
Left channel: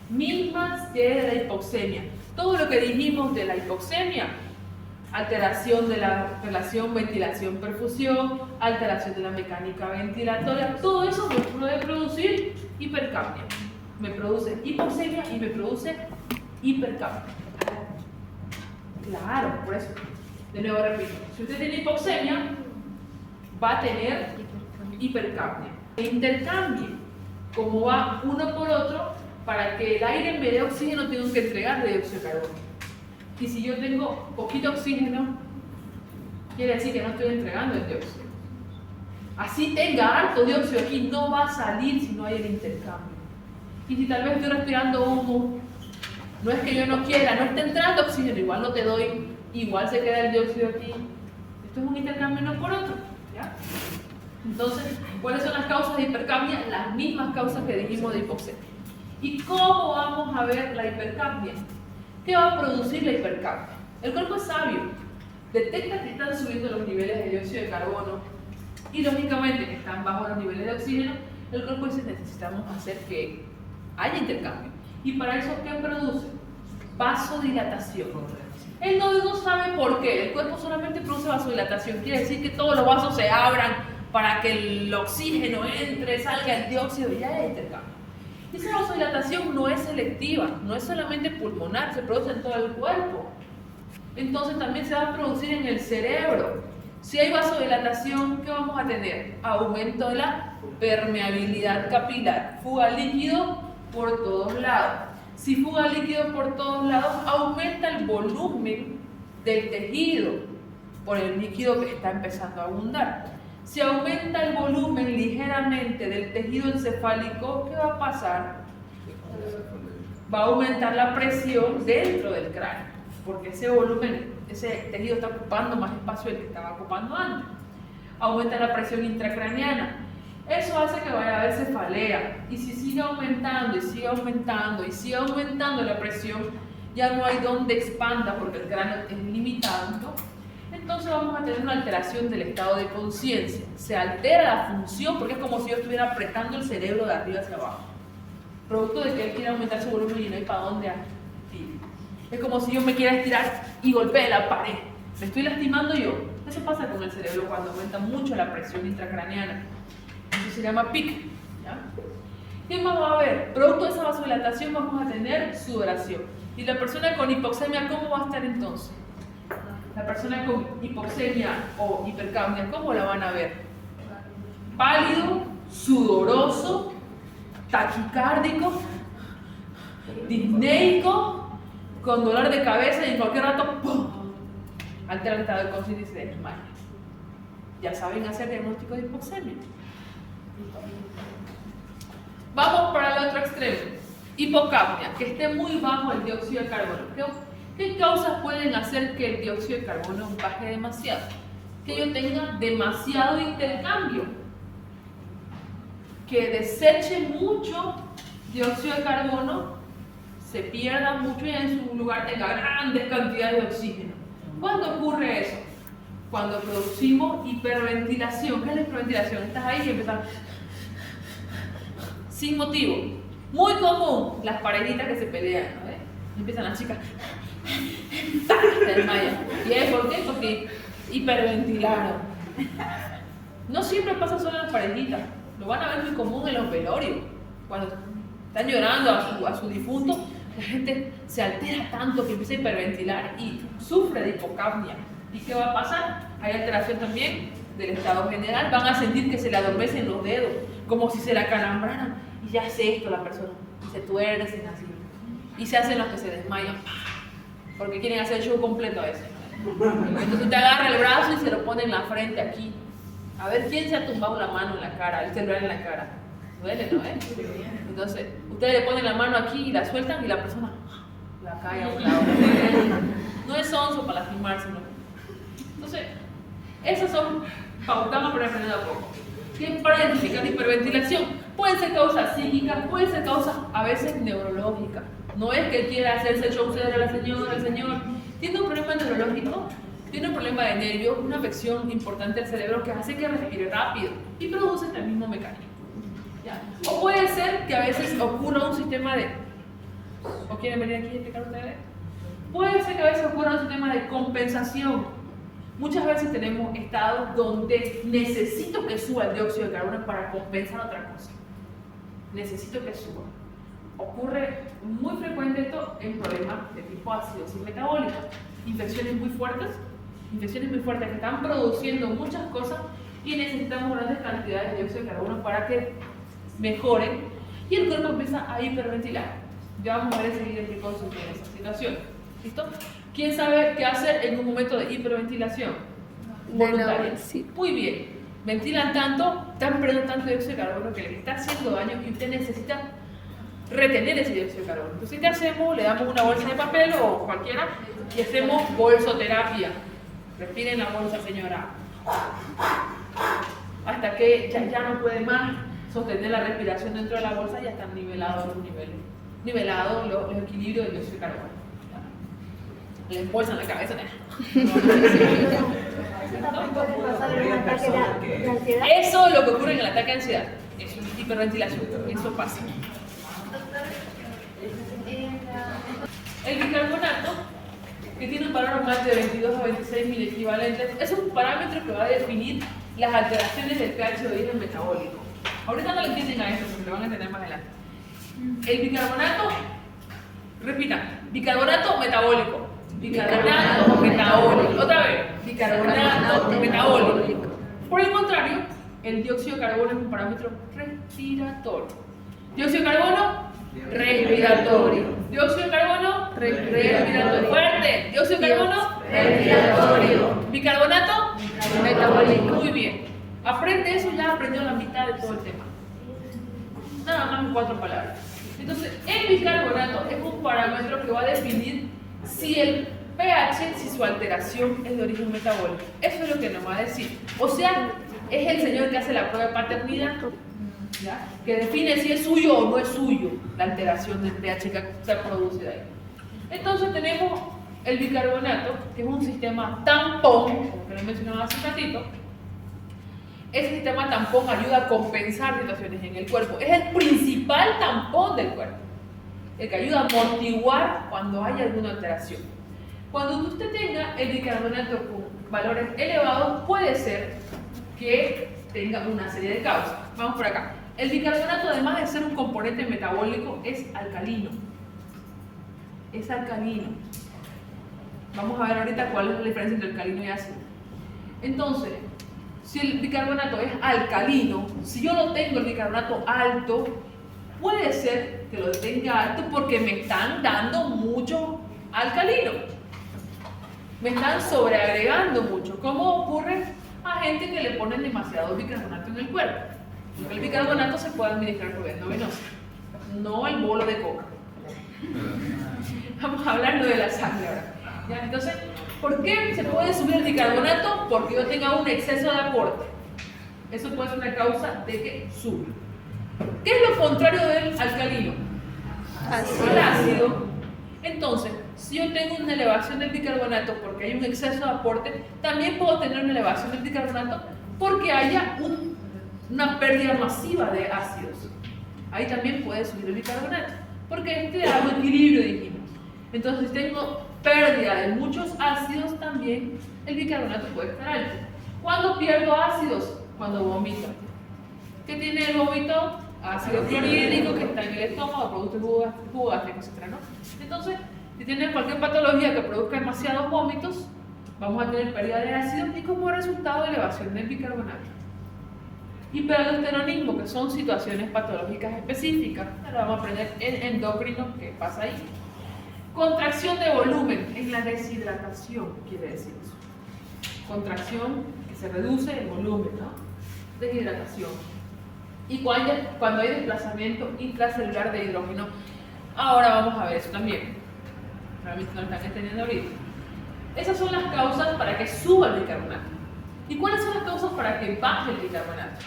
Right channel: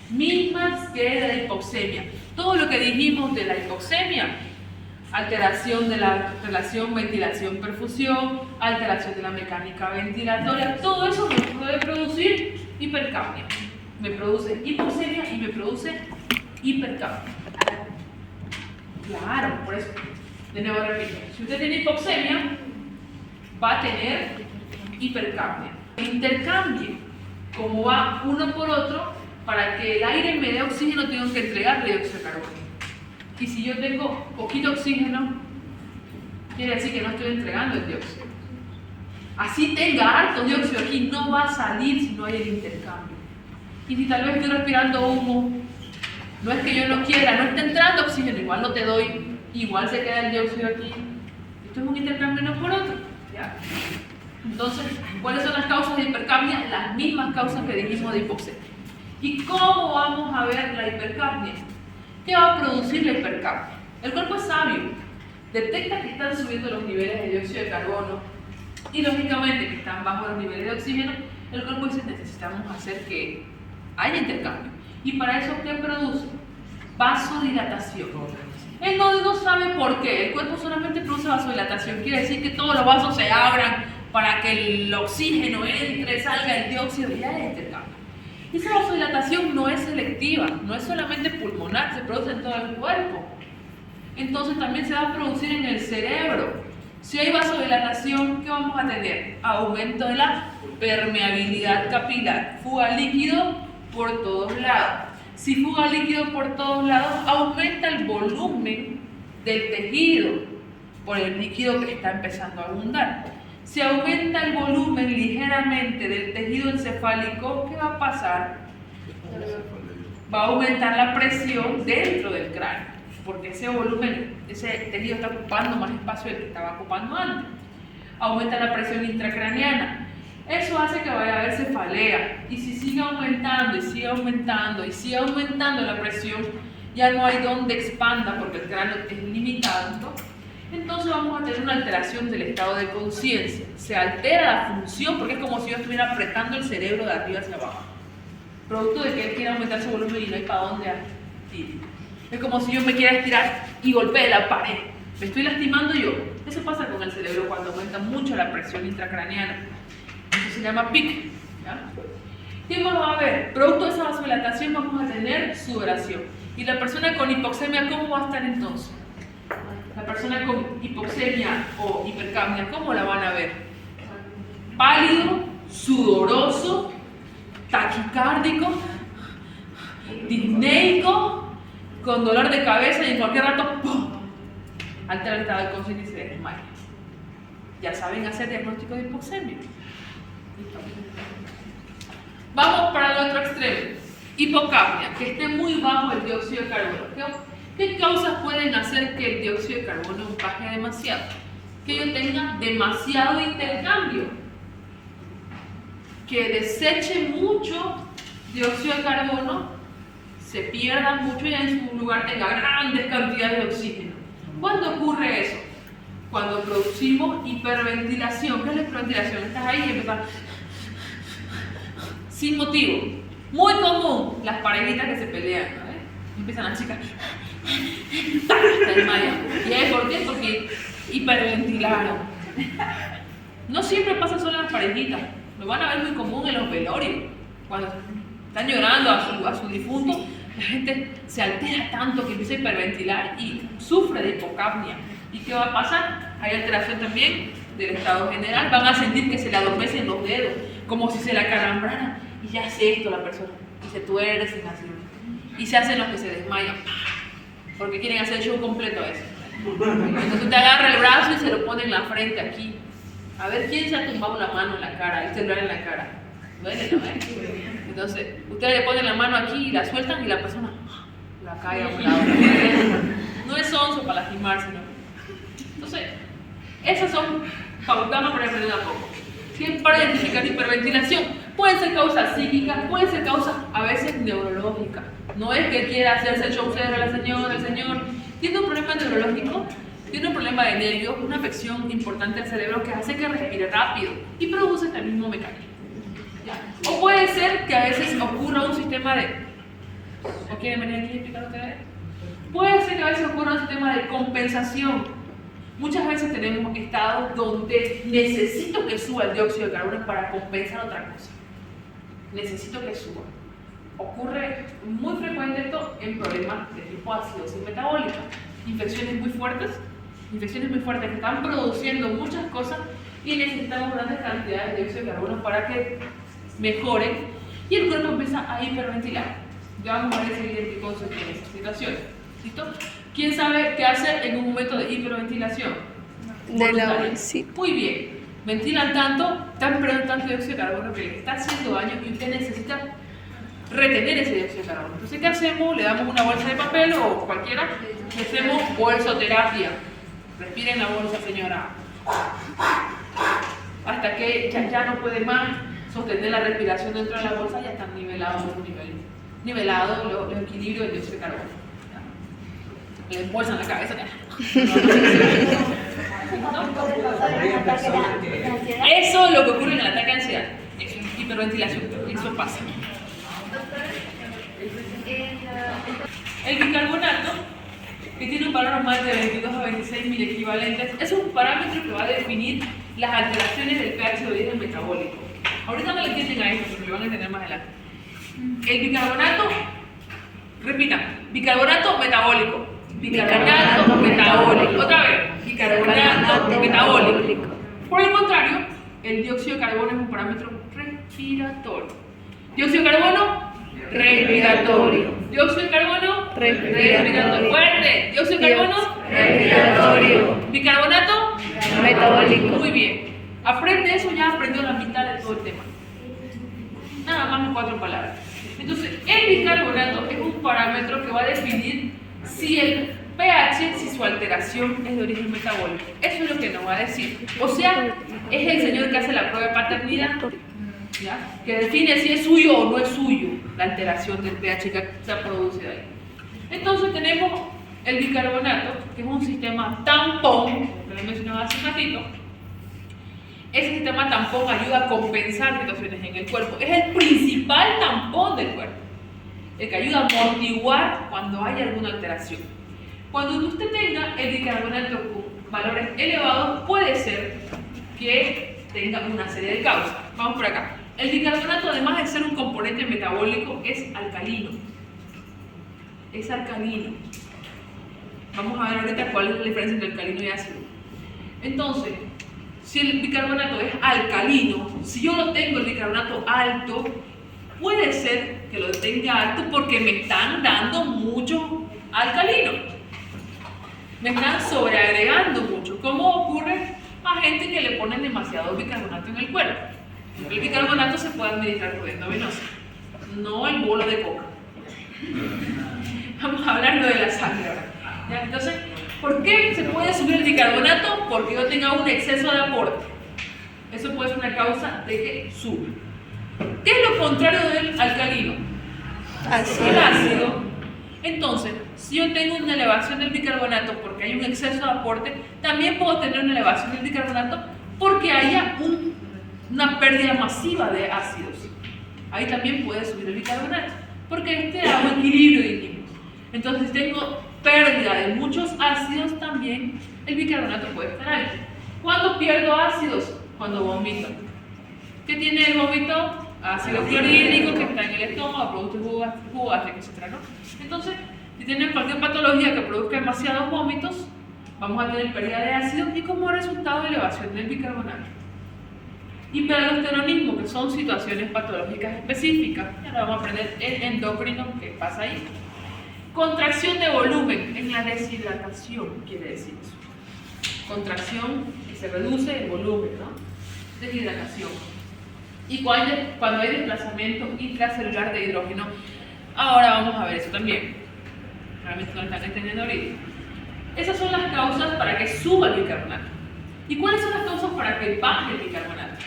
mismas que de la hipoxemia. Todo lo que dijimos de la hipoxemia, alteración de la relación ventilación-perfusión, alteración de la mecánica ventilatoria, todo eso me puede producir hipercapnia. Me produce hipoxemia y me produce hipercapnia. Claro, por eso. De nuevo repito, si usted tiene hipoxemia, va a tener hipercapnia. Intercambie, como va uno por otro, para que el aire me dé oxígeno, tengo que entregarle dióxido de carbono. Y si yo tengo poquito oxígeno, quiere decir que no estoy entregando el dióxido. Así tenga harto dióxido aquí, no va a salir si no hay el intercambio. Y si tal vez estoy respirando humo, no es que yo no quiera, no está entrando oxígeno, igual no te doy, igual se queda el dióxido aquí. Esto es un intercambio no por otro. ¿Ya? Entonces, ¿cuáles son las causas de hipercapnia? Las mismas causas que dijimos de hipoxemia. ¿Y cómo vamos a ver la hipercapnia? ¿Qué va a producir la hipercapnia? El cuerpo es sabio, detecta que están subiendo los niveles de dióxido de carbono y lógicamente que están bajos los niveles de oxígeno. El cuerpo dice: necesitamos hacer que haya intercambio. Y para eso, ¿qué produce? Vasodilatación. Él no sabe por qué, el cuerpo solamente produce vasodilatación, quiere decir que todos los vasos se abran para que el oxígeno entre, salga el dióxido y ya hay intercambio. Y esa vasodilatación no es selectiva, no es solamente pulmonar, se produce en todo el cuerpo. Entonces también se va a producir en el cerebro. Si hay vasodilatación, ¿qué vamos a tener? Aumento de la permeabilidad capilar, fuga líquido por todos lados. Si fuga líquido por todos lados, aumenta el volumen del tejido por el líquido que está empezando a abundar. Si aumenta el volumen ligeramente del tejido encefálico, ¿qué va a pasar? Va a aumentar la presión dentro del cráneo, porque ese volumen, ese tejido está ocupando más espacio del que estaba ocupando antes. Aumenta la presión intracraniana. Eso hace que vaya a haber cefalea. Y si sigue aumentando y sigue aumentando y sigue aumentando la presión, ya no hay donde expanda porque el cráneo es limitado, ¿no? Entonces vamos a tener una alteración del estado de conciencia. Se altera la función porque es como si yo estuviera apretando el cerebro de arriba hacia abajo. Producto de que él quiere aumentar su volumen y no hay para dónde ir. Es como si yo me quiera estirar y golpee la pared. Me estoy lastimando yo. Eso pasa con el cerebro cuando aumenta mucho la presión intracraniana. Eso se llama PIC. ¿Ya? ¿Qué más va a haber? Producto de esa vasodilatación vamos a tener sudoración. ¿Y la persona con hipoxemia cómo va a estar entonces? La persona con hipoxemia o hipercapnia, ¿cómo la van a ver? Pálido, sudoroso, taquicárdico, disneico, con dolor de cabeza y en cualquier rato ¡pum!, altera el estado de conciencia y se desmaya. Ya saben hacer diagnóstico de hipoxemia. Vamos para el otro extremo. Hipocapnia, que esté muy bajo el dióxido de carbono. ¿Qué causas pueden hacer que el dióxido de carbono baje demasiado? Que yo tenga demasiado intercambio, que deseche mucho dióxido de carbono, se pierda mucho y en su lugar tenga grandes cantidades de oxígeno. ¿Cuándo ocurre eso? Cuando producimos hiperventilación. ¿Qué es la hiperventilación? Estás ahí y empiezas sin motivo. Muy común, las parejitas que se pelean, ¿no? Empiezan las chicas, se desmayan. ¿Y es por qué? Porque hiperventilaron. No siempre pasa solo en las parejitas, lo van a ver muy común en los velorios. Cuando están llorando a su difunto, la gente se altera tanto que empieza a hiperventilar y sufre de hipocapnia. ¿Y qué va a pasar? Hay alteración también del estado general, van a sentir que se le adormecen los dedos, como si se le acalambraran, y ya hace esto la persona, y se tuercen así, y se hacen los que se desmayan, porque quieren hacer el show completo a eso. Entonces usted agarra el brazo y se lo pone en la frente aquí, a ver quién se ha tumbado la mano en la cara, el celular en la cara, duele, ¿no? Entonces ustedes le ponen la mano aquí y la sueltan y la persona la cae a un lado. No es onzo para lastimarse, ¿no? Entonces, esas son pautamos para aprender a poco. Siempre para identificar hiperventilación. Puede ser causa psíquica, puede ser causa a veces neurológica. No es que quiera hacerse el show a la señora, el señor. Tiene un problema neurológico, tiene un problema de nervios, una afección importante al cerebro que hace que respire rápido y produce este mismo mecanismo. ¿Ya? O puede ser que a veces ocurra un sistema de... ¿O quieren venir aquí a explicar ustedes? Puede ser que a veces ocurra un sistema de compensación. Muchas veces tenemos estados donde necesito que suba el dióxido de carbono para compensar otra cosa. Necesito que suba. Ocurre muy frecuente esto en problemas de tipo acidosis metabólica. Infecciones muy fuertes que están produciendo muchas cosas y necesitamos grandes cantidades de dióxido de carbono para que mejoren y el cuerpo empieza a hiperventilar. Ya vamos a ver enseguida qué consecuencias en esa situación. ¿Listo? ¿Quién sabe qué hacer en un momento de hiperventilación? De la bolsita. Muy bien. Ventilan tanto, están perdiendo tanto dióxido de carbono que les está haciendo daño y usted necesita retener ese dióxido de carbono. Entonces, ¿qué hacemos? Le damos una bolsa de papel o cualquiera y hacemos bolsoterapia. Respiren la bolsa, señora. Hasta que ya no puede más sostener la respiración dentro de la bolsa, ya están nivelados los equilibrios del dióxido de carbono. Le embolsan la cabeza. Eso es lo que ocurre en el ataque de ansiedad. Eso es hiperventilación. Eso pasa. El bicarbonato, que tiene un valor normal de 22 a 26 miliequivalentes, es un parámetro que va a definir las alteraciones del pH de origen metabólico. Ahorita no le entienden a esto, pero lo van a entender más adelante. El bicarbonato, repitan, bicarbonato metabólico. Bicarbonato metabólico. Otra vez, bicarbonato metabólico. Por el contrario, el dióxido de carbono es un parámetro respiratorio. Dióxido de carbono, respiratorio. Dióxido de carbono, respiratorio. Fuerte. Dióxido de carbono, respiratorio. Bicarbonato, Metabólico. muy bien. Aprende eso, ya aprendió la mitad de todo el tema. Nada más en 4 palabras. Entonces, el bicarbonato es un parámetro que va a definir si el pH, si su alteración es de origen metabólico. Eso es lo que nos va a decir. O sea, es el señor que hace la prueba de paternidad, ¿ya? Que define si es suyo o no es suyo la alteración del pH que se ha producido ahí. Entonces tenemos el bicarbonato, que es un sistema tampón, como lo mencionaba hace un ratito. Ese sistema tampón ayuda a compensar situaciones en el cuerpo. Es el principal tampón del cuerpo, el que ayuda a amortiguar cuando hay alguna alteración. Cuando usted tenga el bicarbonato con valores elevados, puede ser que tenga una serie de causas. Vamos por acá. El bicarbonato, además de ser un componente metabólico, es alcalino. Es alcalino. Vamos a ver ahorita cuál es la diferencia entre alcalino y ácido. Entonces, si el bicarbonato es alcalino, si yo lo tengo el bicarbonato alto, puede ser que lo tenga alto porque me están dando mucho alcalino. Me están sobreagregando mucho. ¿Cómo ocurre a gente que le ponen demasiado bicarbonato en el cuerpo? El bicarbonato se puede administrar por vía venosa, no el bolo de coca. Vamos a hablar de la sangre ahora. ¿Ya? Entonces, ¿por qué se puede subir el bicarbonato? Porque yo tenga un exceso de aporte. Eso puede ser una causa de que sube. ¿Qué es lo contrario del alcalino? El ácido. Entonces, si yo tengo una elevación del bicarbonato porque hay un exceso de aporte, también puedo tener una elevación del bicarbonato porque haya una pérdida masiva de ácidos. Ahí también puede subir el bicarbonato, porque este da un equilibrio, dijimos. Entonces, si tengo pérdida de muchos ácidos, también el bicarbonato puede estar alto. ¿Cuándo pierdo ácidos? Cuando vomito. ¿Qué tiene el vómito? Ácido clorhídrico que está en el estómago, produce jugo gástrico, etc., ¿no? Entonces, si tienen cualquier patología que produzca demasiados vómitos, vamos a tener pérdida de ácido y como resultado elevación del bicarbonato. Hiperaldosteronismo, que son situaciones patológicas específicas. Ahora vamos a aprender el endocrino que pasa ahí. Contracción de volumen en la deshidratación, quiere decir eso. Contracción que se reduce el volumen, ¿no? Deshidratación. Y cuando hay desplazamiento intracelular de hidrógeno. Ahora vamos a ver eso también. Realmente no lo están entendiendo ahorita. Esas son las causas para que suba el bicarbonato. ¿Y cuáles son las causas para que baje el bicarbonato?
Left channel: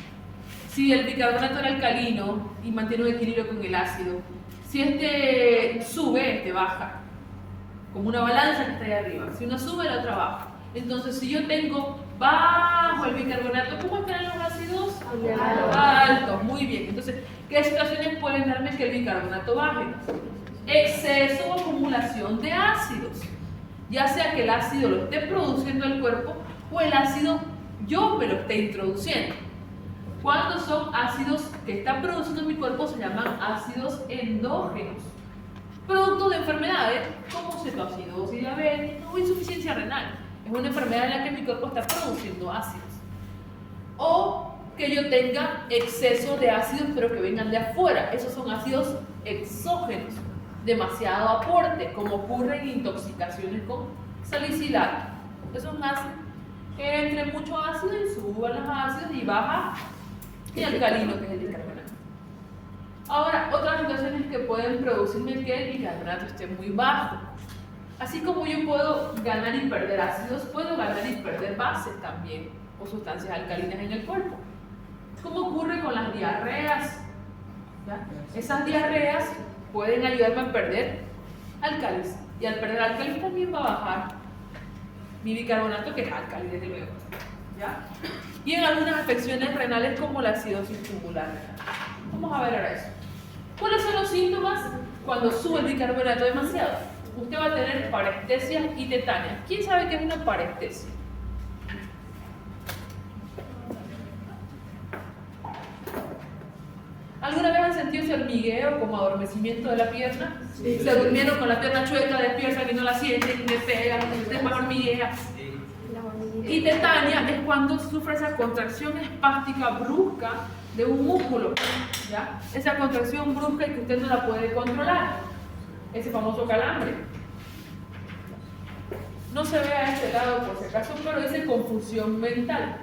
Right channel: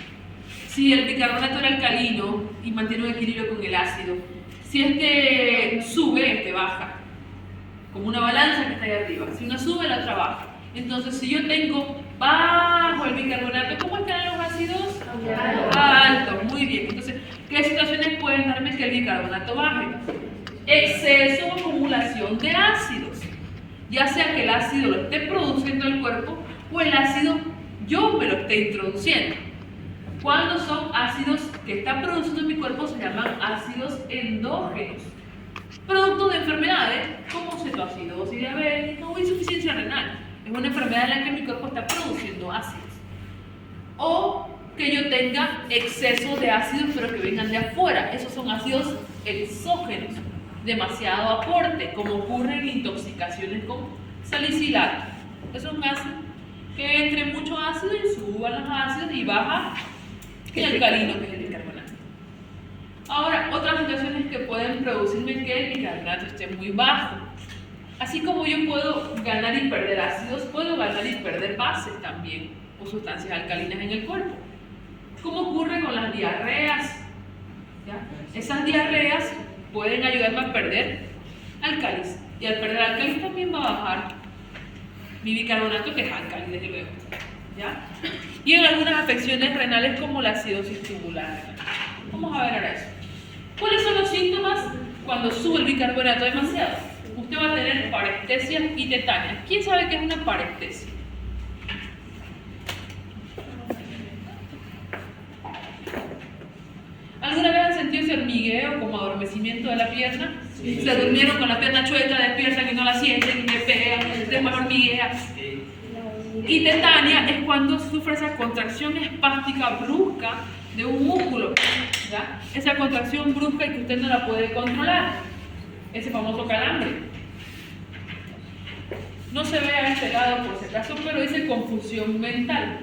Si el bicarbonato era alcalino y mantiene un equilibrio con el ácido, si este sube, este baja. Como una balanza que está ahí arriba. Si una sube, la otra baja. Entonces, si yo tengo bajo el bicarbonato, ¿cómo están los ácidos? Alto, muy bien. Entonces, ¿qué situaciones pueden darme que el bicarbonato baje? Exceso o acumulación de ácidos. Ya sea que el ácido lo esté produciendo el cuerpo o el ácido yo me lo esté introduciendo. Cuando son ácidos que está produciendo mi cuerpo se llaman ácidos endógenos. Producto de enfermedades como cetoacidosis diabética o insuficiencia renal. Es una enfermedad en la que mi cuerpo está produciendo ácidos. O que yo tenga exceso de ácidos pero que vengan de afuera. Esos son ácidos exógenos. Demasiado aporte, como ocurre en intoxicaciones con salicilato. Eso es un ácido que entre mucho ácido y suban los ácidos y baja el alcalino, que es el bicarbonato. Ahora, otras situaciones que pueden producirme que el bicarbonato esté muy bajo. Así como yo puedo ganar y perder ácidos, puedo ganar y perder bases también, o sustancias alcalinas en el cuerpo. ¿Cómo ocurre con las diarreas? ¿Ya? Esas diarreas pueden ayudarme a perder álcalis, y al perder álcalis también va a bajar mi bicarbonato, que es álcali, desde luego. ¿Ya? Y en algunas afecciones renales como la acidosis tubular. Vamos a ver ahora eso. ¿Cuáles son los síntomas cuando sube el bicarbonato demasiado? Usted va a tener parestesia y tetania. ¿Quién sabe qué es una parestesia? ¿Alguna vez han sentido ese hormigueo como adormecimiento de la pierna? Sí. Se durmieron con la pierna chueca, despiertan y no la sienten y me pegan, el tema hormiguea. Sí. Y tetania es cuando sufre esa contracción espástica brusca de un músculo, ¿ya? Esa contracción brusca y que usted no la puede controlar, ese famoso calambre. No se ve a este lado por si acaso, pero dice confusión mental.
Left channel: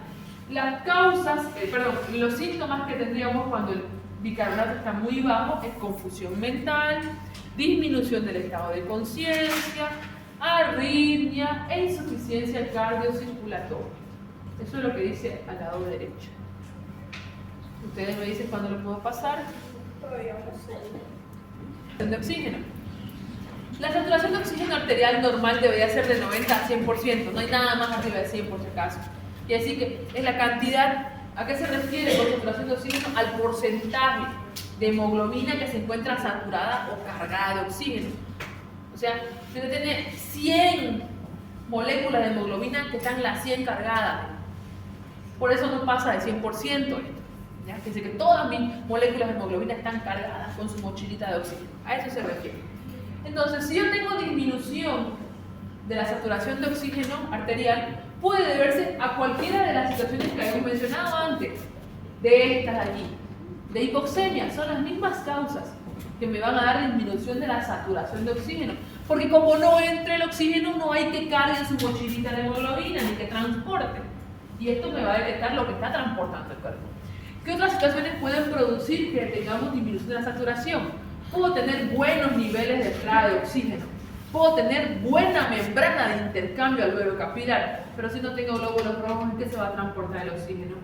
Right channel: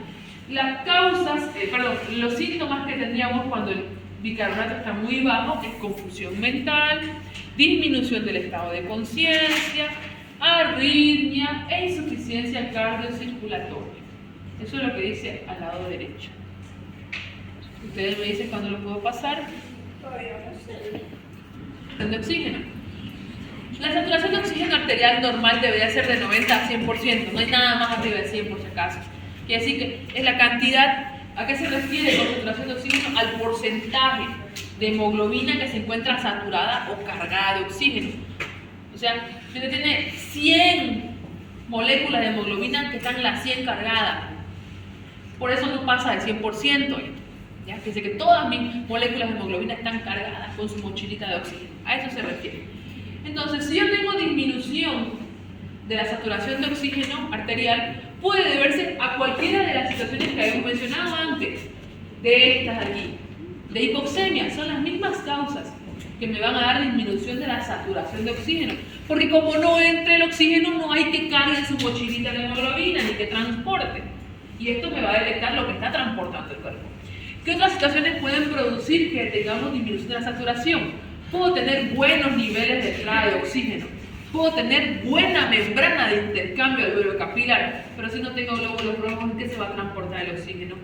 Las causas, los síntomas que tendríamos cuando el bicarbonato está muy bajo es confusión mental, disminución del estado de conciencia, arritmia e insuficiencia cardiocirculatoria. Eso es lo que dice al lado derecho. Ustedes me dicen cuándo lo puedo pasar. De oxígeno. La saturación de oxígeno arterial normal debería ser de 90 a 100%, no hay nada más arriba de 100 por si acaso. Quiere decir que es la cantidad. ¿A qué se refiere con saturación de oxígeno? Al porcentaje de hemoglobina que se encuentra saturada o cargada de oxígeno. O sea, si usted tiene 100 moléculas de hemoglobina que están las 100 cargadas, por eso no pasa de 100%. ¿Ya? Fíjense que todas mis moléculas de hemoglobina están cargadas con su mochilita de oxígeno. A eso se refiere. Entonces, si yo tengo disminución de la saturación de oxígeno arterial, puede deberse a cualquiera de las situaciones que habíamos mencionado antes, de estas de aquí, de hipoxemia. Son las mismas causas que me van a dar disminución de la saturación de oxígeno, porque como no entra el oxígeno, no hay que cargue su mochilita de hemoglobina ni que transporte, y esto me va a detectar lo que está transportando el cuerpo. ¿Qué otras situaciones pueden producir que tengamos disminución de la saturación? Puedo tener buenos niveles de entrada de oxígeno, puedo tener buena membrana de intercambio alveolo capilar, pero si no tengo glóbulos rojos, ¿en qué se va a transportar el oxígeno?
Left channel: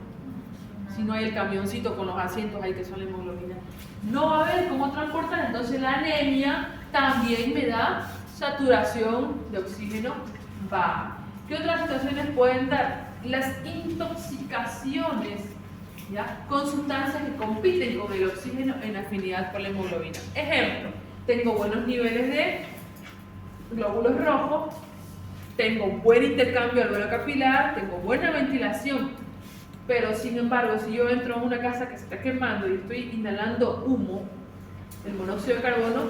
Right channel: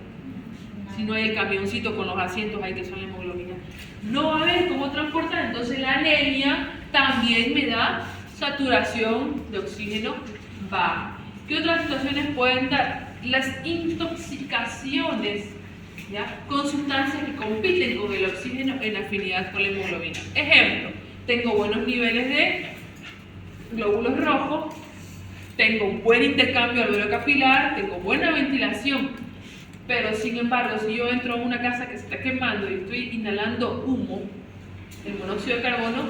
Si no hay el camioncito con los asientos ahí que son la hemoglobina, no va a haber cómo transportar. Entonces la anemia también me da saturación de oxígeno baja. ¿Qué otras situaciones pueden dar? Las intoxicaciones, ¿ya? Con sustancias que compiten con el oxígeno en afinidad con la hemoglobina. Ejemplo, tengo buenos niveles de glóbulos rojos, tengo buen intercambio alveolar capilar, tengo buena ventilación, pero sin embargo, si yo entro a una casa que se está quemando y estoy inhalando humo, el monóxido de carbono,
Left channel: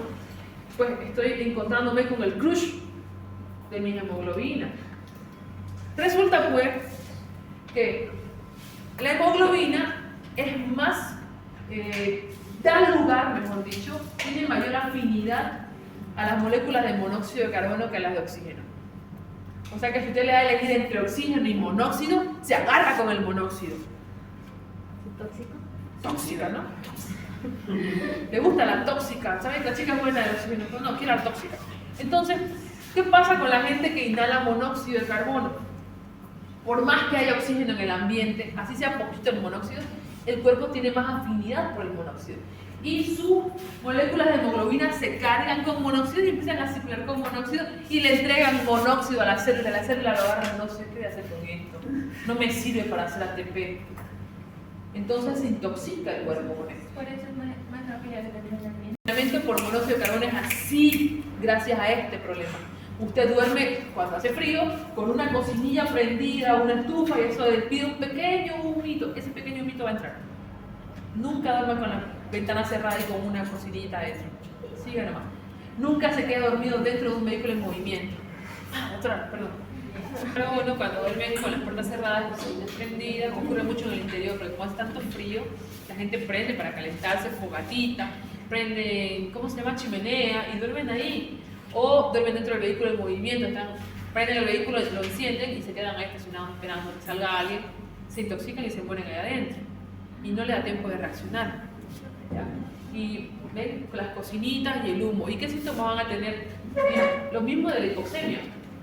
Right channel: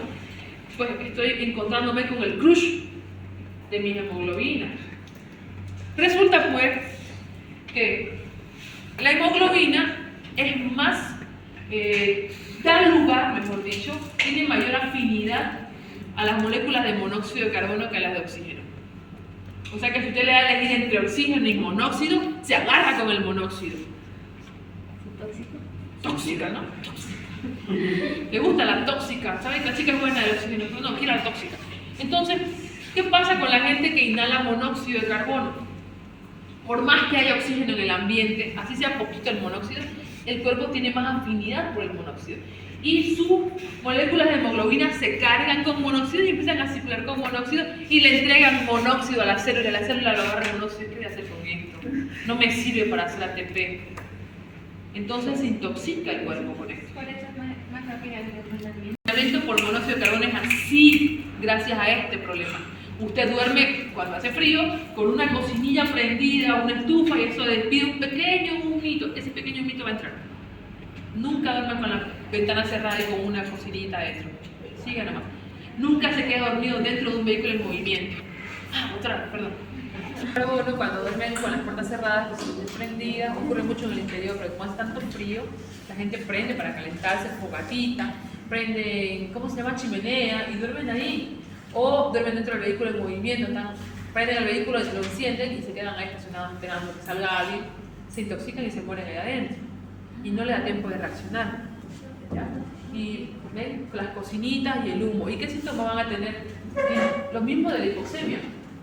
pues estoy encontrándome con el crush de mi hemoglobina. Resulta pues que la hemoglobina es más, da lugar, mejor dicho, tiene mayor afinidad a las moléculas de monóxido de carbono que a las de oxígeno. O sea que si usted le da a elegir entre oxígeno y monóxido, se agarra con el monóxido. ¿Tóxico? Tóxica, ¿no? Le gusta la tóxica. ¿Saben que la chica es buena de oxígeno? No, quiere la tóxica. Entonces, ¿qué pasa con la gente que inhala monóxido de carbono? Por más que haya oxígeno en el ambiente, así sea poquito el monóxido, el cuerpo tiene más afinidad por el monóxido. Y sus moléculas de hemoglobina se cargan con monóxido y empiezan a circular con monóxido y le entregan monóxido a la célula. La célula lo agarra monóxido. ¿Qué voy a hacer con esto? No me sirve para hacer ATP. Entonces se intoxica el cuerpo con esto. Por eso es más rápida que después la dieta. El tratamiento por monóxido de carbono es así, gracias a este problema. Usted duerme cuando hace frío con una cocinilla prendida, una estufa y eso despide un pequeño humito. Ese pequeño humito va a entrar. Nunca duerma con la ventana cerrada y con una cocinita adentro. Siga nomás. Nunca se quede dormido dentro de un vehículo en movimiento. Perdón. Pero uno cuando duermen con las puertas cerradas, las luces prendidas, ocurre mucho en el interior, porque como hace tanto frío, la gente prende para calentarse fogatita, prende, ¿cómo se llama? Chimenea, y duermen ahí. O duermen dentro del vehículo en movimiento, prenden el vehículo, lo encienden y se quedan ahí estacionados esperando que salga alguien, se intoxican y se mueren ahí adentro. Y no le da tiempo de reaccionar. ¿Ya? Y ven, con las cocinitas y el humo. ¿Y qué síntomas van a tener? Lo mismo de la hipoxemia.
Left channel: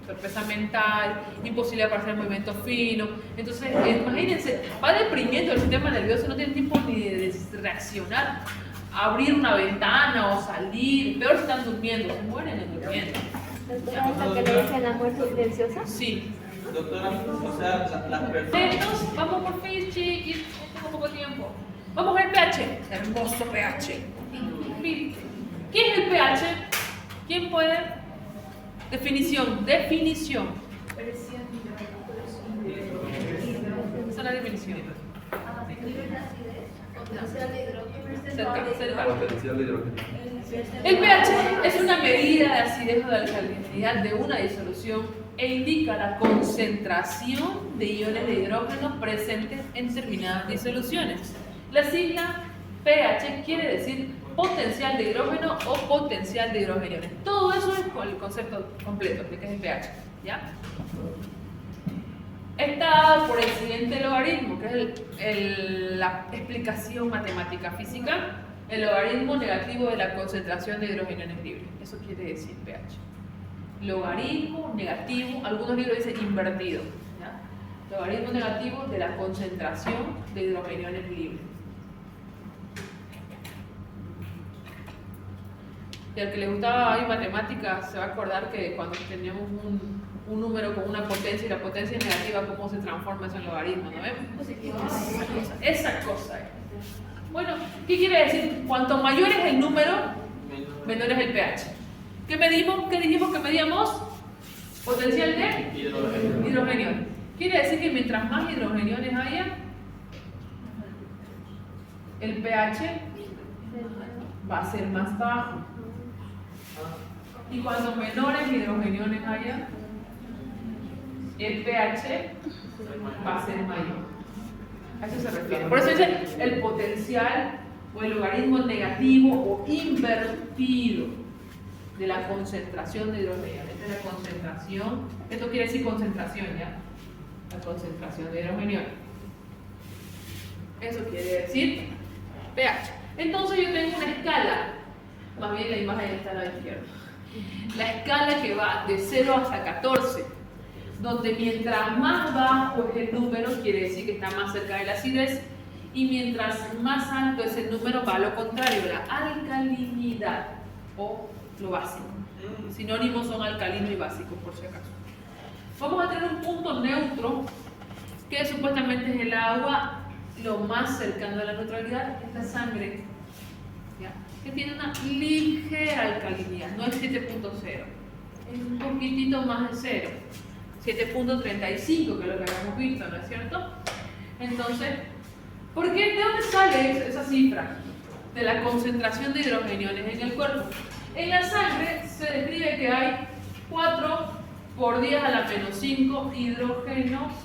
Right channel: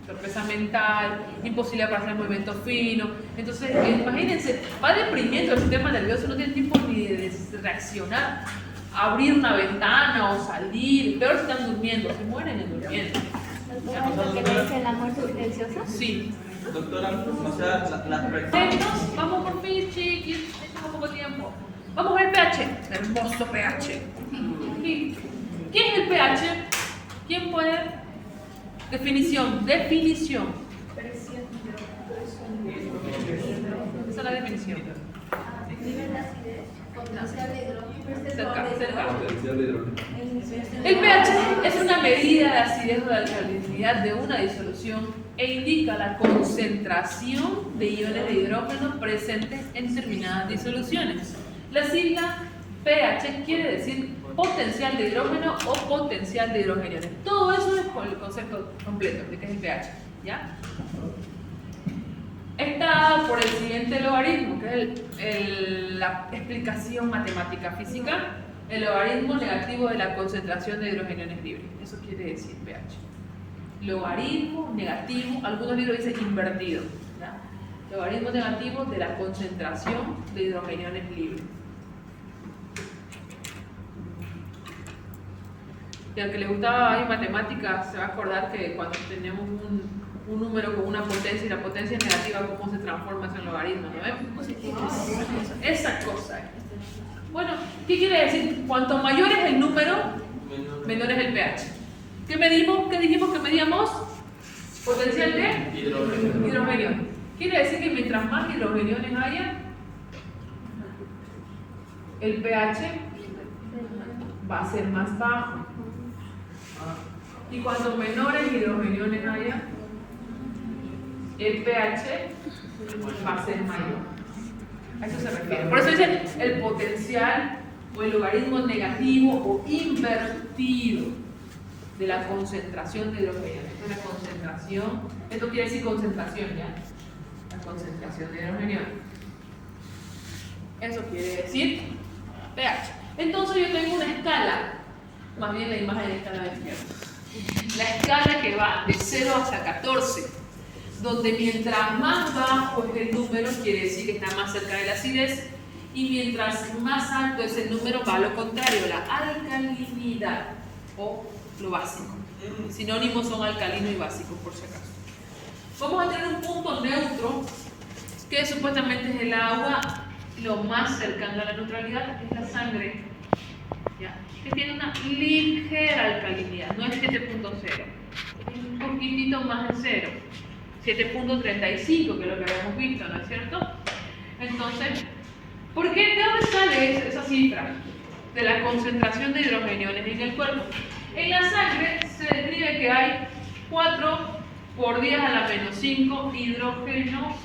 Sorpresa mental, imposibilidad para hacer movimiento fino. Entonces, imagínense, va deprimiendo el sistema nervioso, no tiene tiempo ni de reaccionar, abrir una ventana o salir. Peor si están durmiendo, se mueren durmiendo. ¿Doctora, es la que le dice la muerte silenciosa? Sí. Doctora, o sea, las personas. Entonces, vamos por fin, chiquis, tengo poco tiempo. Vamos al pH, hermoso pH. ¿Qué es el pH? ¿Quién puede? Definición. Presión. Esa es la definición. Nivel de acidez, potencial de hidrógeno. Cerca. Potencial de hidrógeno. El pH es una medida de acidez o de alcalinidad de una disolución e indica la concentración de iones de hidrógeno presentes en determinadas disoluciones. La sigla pH quiere decir potencial de hidrógeno o potencial de hidrogeniones. Todo eso es con el concepto completo de qué es el pH. ¿Ya? Está dado por el siguiente logaritmo, que es la explicación matemática física, el logaritmo negativo de la concentración de hidrogeniones libres. Eso quiere decir pH. Logaritmo negativo, algunos libros dicen invertido. ¿Ya? Logaritmo negativo de la concentración de hidrogeniones libres. Y al que le gustaba ahí matemáticas se va a acordar que cuando tenemos un número con una potencia y la potencia es negativa, ¿cómo se transforma eso en logaritmo? ¿No vemos? Esa cosa. Bueno, ¿qué quiere decir? Cuanto mayor es el número, menor es el pH. ¿Qué medimos? ¿Qué dijimos que medíamos? Potencial de hidrogenio. Quiere decir que mientras más hidrogeniones haya, el pH va a ser más bajo. Y cuanto menores hidrogeniones haya, el pH va a ser mayor. A eso se refiere. Por eso dice el potencial o el logaritmo negativo o invertido de la concentración de hidrogeniones. Esta es la concentración, esto quiere decir concentración, ¿ya? La concentración de hidrogeniones. Eso quiere decir pH. Entonces yo tengo una escala, más bien la imagen está a la izquierda. La escala que va de 0 hasta 14, donde mientras más bajo es el número, quiere decir que está más cerca de la acidez, y mientras más alto es el número, va a lo contrario, la alcalinidad o lo básico. Sinónimos son alcalino y básico, por si acaso. Vamos a tener un punto neutro, que supuestamente es el agua, lo más cercano a la neutralidad es la sangre, ¿ya? Que tiene una ligera alcalinidad, no es 7.0, es un poquitito más de 0. 7.35, que es lo que habíamos visto, ¿no es cierto? Entonces, ¿por qué? ¿De dónde sale esa cifra? De la concentración de hidrogeniones en el cuerpo. En la sangre se describe que hay 4 por 10 a la menos 5 hidrógenos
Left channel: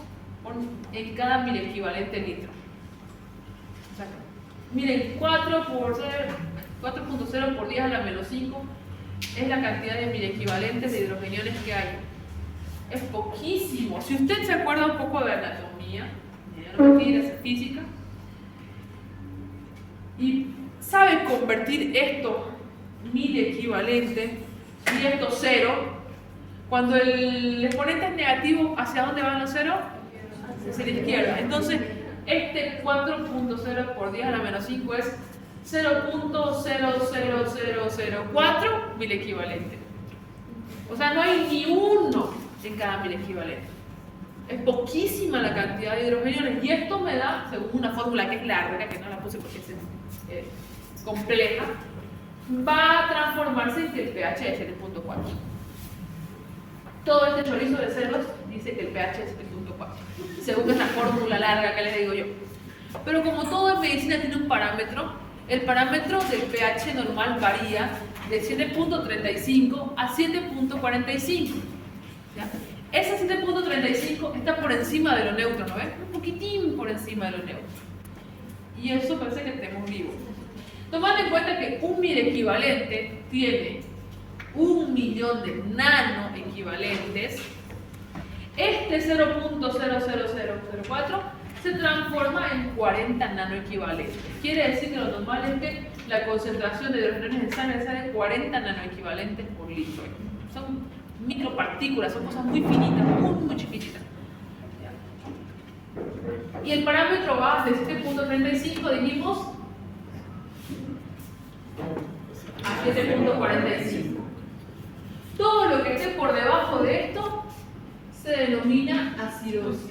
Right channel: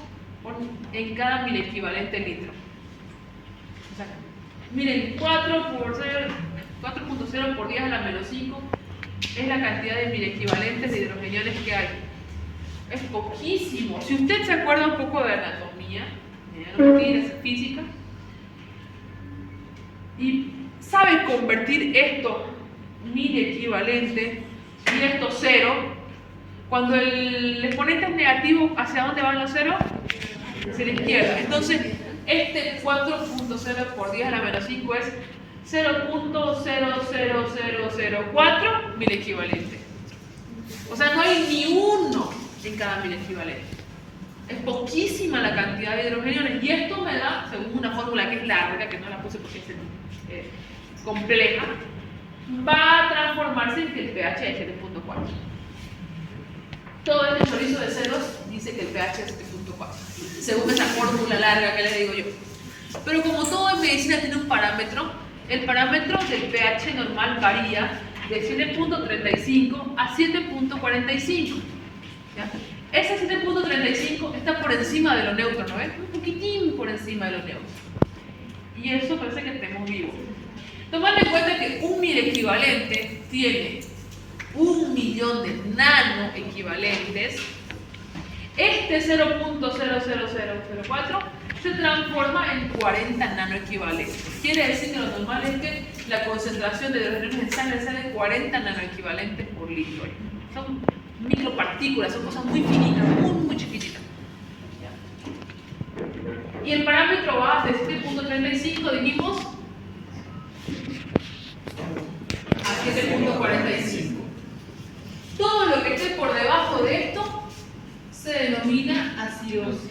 en cada mil equivalente litro. O sea, miren, 4.0 por 10 a la menos 5 es la cantidad de mil equivalentes de hidrogeniones que hay. Es poquísimo. Si usted se acuerda un poco de anatomía, de física, y sabe convertir esto mil equivalentes y esto cero, cuando el exponente es negativo, ¿hacia dónde van los ceros? Hacia la izquierda. Entonces, este 4.0 por 10 a la menos 5 es 0.00004 mil equivalentes. O sea, no hay ni uno en cada mil equivalente. Es poquísima la cantidad de hidrogeniones y esto me da, según una fórmula que es larga, que no la puse porque es compleja, va a transformarse en que el pH es 7.4. Todo este chorizo de ceros dice que el pH es 7.4, según esa fórmula larga que les digo yo. Pero como todo en medicina tiene un parámetro, el parámetro del pH normal varía de 7.35 a 7.45. Ese 7.35 está por encima de lo neutro, ¿no ves? Un poquitín por encima de lo neutro. Y eso parece que tenemos vivo. Tomando en cuenta que un mil equivalente tiene 1.000.000 de nano equivalentes, este 0.00004 se transforma en 40 nanoequivalentes. Quiere decir que normalmente la concentración de hidrogeniones en sangre es de 40 nanoequivalentes por litro. Son micropartículas, son cosas muy finitas, muy chiquititas. Y el parámetro va de 7.35, dijimos, a 7.45. Todo lo que esté por debajo de esto se denomina acidosis.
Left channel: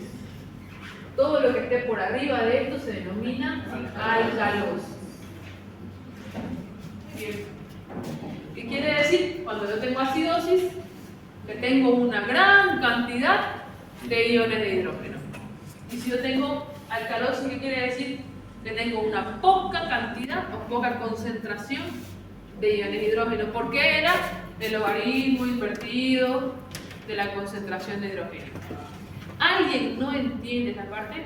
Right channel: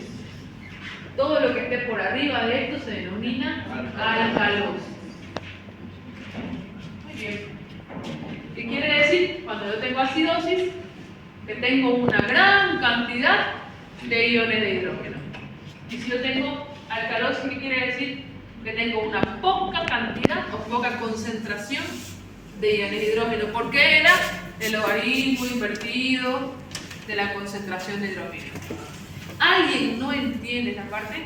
Todo lo que esté por arriba de esto se denomina alcalosis. Bien. ¿Qué quiere decir? Cuando yo tengo acidosis, que tengo una gran cantidad de iones de hidrógeno. Y si yo tengo alcalosis, ¿qué quiere decir? Que tengo una poca cantidad o poca concentración de iones de hidrógeno. ¿Por qué era? El logaritmo invertido de la concentración de hidrógeno. ¿Alguien no entiende esta parte?